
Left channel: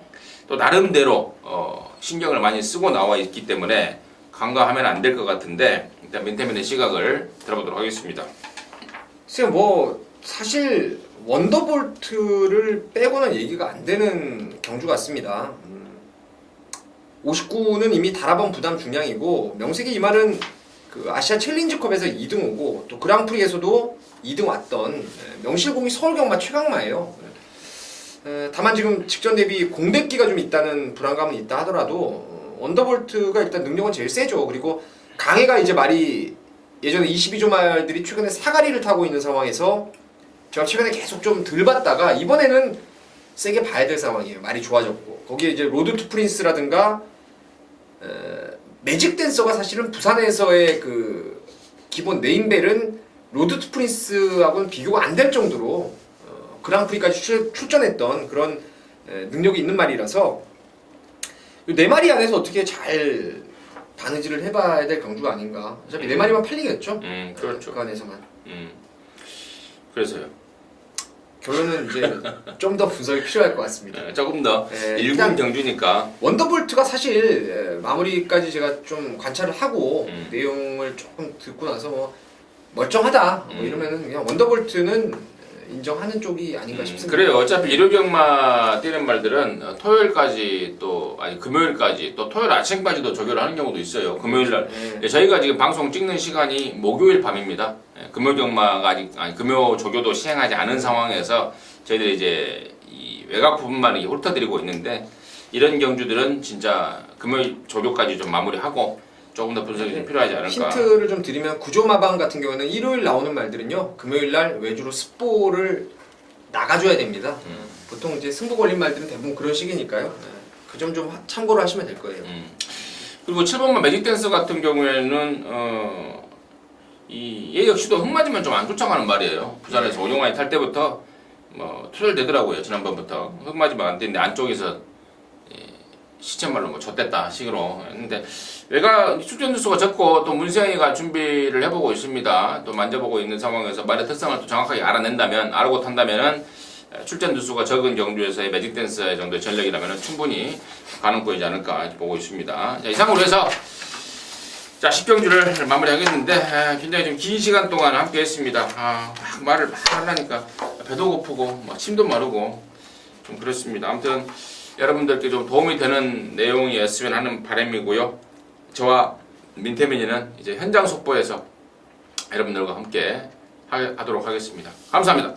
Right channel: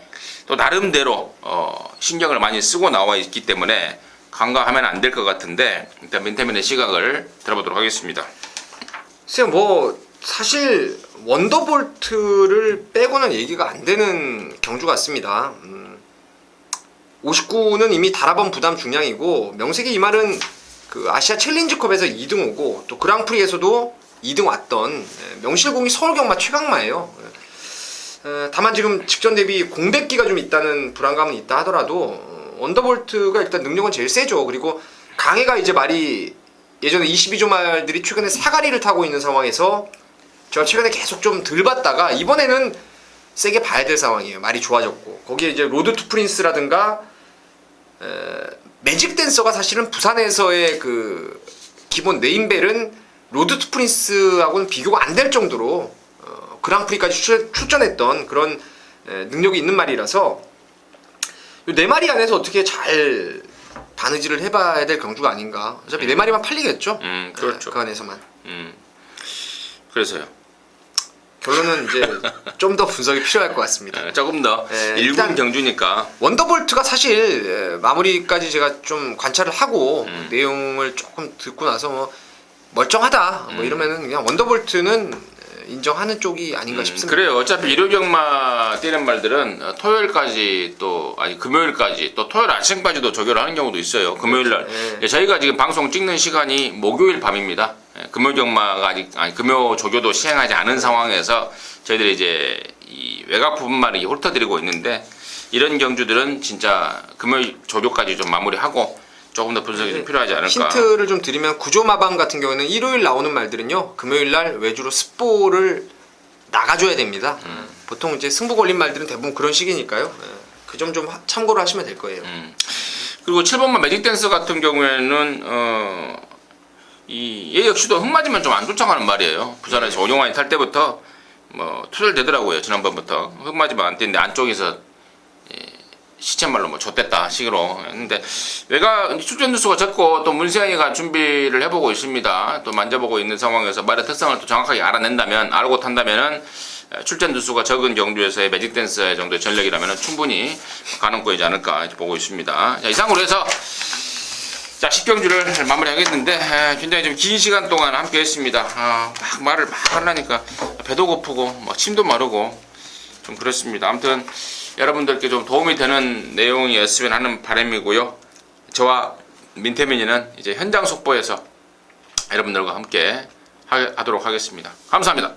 또 나름대로 신경을 많이 쓰고 나와 있기 때문에 간과하면 안 될 것 같은데 일단 민태민의 시각을 들어보도록 하겠습니다. 글쎄요, 뭐 사실 원더볼트를 빼고는 얘기가 안 되는 경주 같습니다. 59는 이미 다라번 부담 중량이고 명색이 이 말은 그 아시아 챌린지컵에서 2등 오고 또 그랑프리에서도 2등 왔던 명실공히 서울경마 최강마예요. 다만 지금 직전 대비 공백기가 좀 있다는 불안감은 있다 하더라도 원더볼트가 일단 능력은 제일 세죠. 그리고 강해가 이제 말이 예전에 22조 말들이 최근에 사가리를 타고 있는 상황에서 제가 최근에 계속 좀 덜 봤다가 이번에는 세게 봐야 될 상황이에요. 말이 좋아졌고 거기에 이제 로드 투 프린스라든가 매직 댄서가 사실은 부산에서의 그 기본 네임벨은 로드 투 프린스하고는 비교가 안 될 정도로 그랑프리까지 출전했던 그런 능력이 있는 말이라서 이 네 마리 안에서 어떻게 잘 바느질을 해봐야 될 경주가 아닌가. 어차피 네 마리만 팔리겠죠. 그렇죠. 그 안에서만. 그래서요. 결론은 이제 좀 더 분석이 필요할 것 같습니다. 조금 더 일군 경주니까 원더볼트가 사실 마무리까지 제가 좀 관찰을 하고 내용을 조금 듣고 나서 뭐 멀쩡하다 뭐 이러면은 그냥 원더볼트는 인정하는 쪽이 아닌가 싶습니다. 그래요. 어차피 일요경마 뛰는 말들은 토요일까지 금요일까지 또 토요일 아침까지도 조교를 하는 경우도 있어요. 금요일날 저희가 지금 방송 찍는 시간이 목요일 밤입니다. 금요 경마가 금요 조교도 시행하지 않은 상황에서 저희들이 이제 이 외곽 부분만을 훑어드리고 있는데 이런 경주들은 진짜 금요일 조교까지 좀 마무리하고 조금 더 분석이 좀 필요하지 않을까. 힌트를 좀 드리면 구조마방 같은 경우에는 일요일 나오는 말들은요 금요일날 외주로 스포를 나가줘야 됩니다. 보통 이제 승부 걸린 말들은 대부분 그런 식이니까요. 그 점 좀 참고를 하시면 될 거예요. 그리고 7번만 매직 댄스 같은 경우에는 얘 역시도 흙맞으면 좀 안 쫓아가는 말이에요. 부산에서 오종환이 탈 때부터 뭐 투절되더라고요. 지난번부터 흙맞으면 안 되는데 안쪽에서 시쳇말로 뭐 좆됐다 식으로 했는데 외가 출전 두수가 적고 또 문세영이가 준비를 해보고 있습니다. 또 만져보고 있는 상황에서 말의 특성을 또 정확하게 알고 탄다면은 출전 두수가 적은 경주에서의 매직 댄스 정도의 전력이라면 충분히 가능성이지 않을까 보고 있습니다. 자, 이상으로 해서 자 10경주를 마무리하겠는데 굉장히 좀 긴 시간 동안 함께 했습니다. 막 말을 막 하려니까 배도 고프고 뭐 침도 마르고 좀 그렇습니다. 아무튼 여러분들께 좀 도움이 되는 내용이었으면 하는 바람이고요. 저와 민태민이는 이제 현장 속보에서 여러분들과 함께 하도록 하겠습니다. 감사합니다.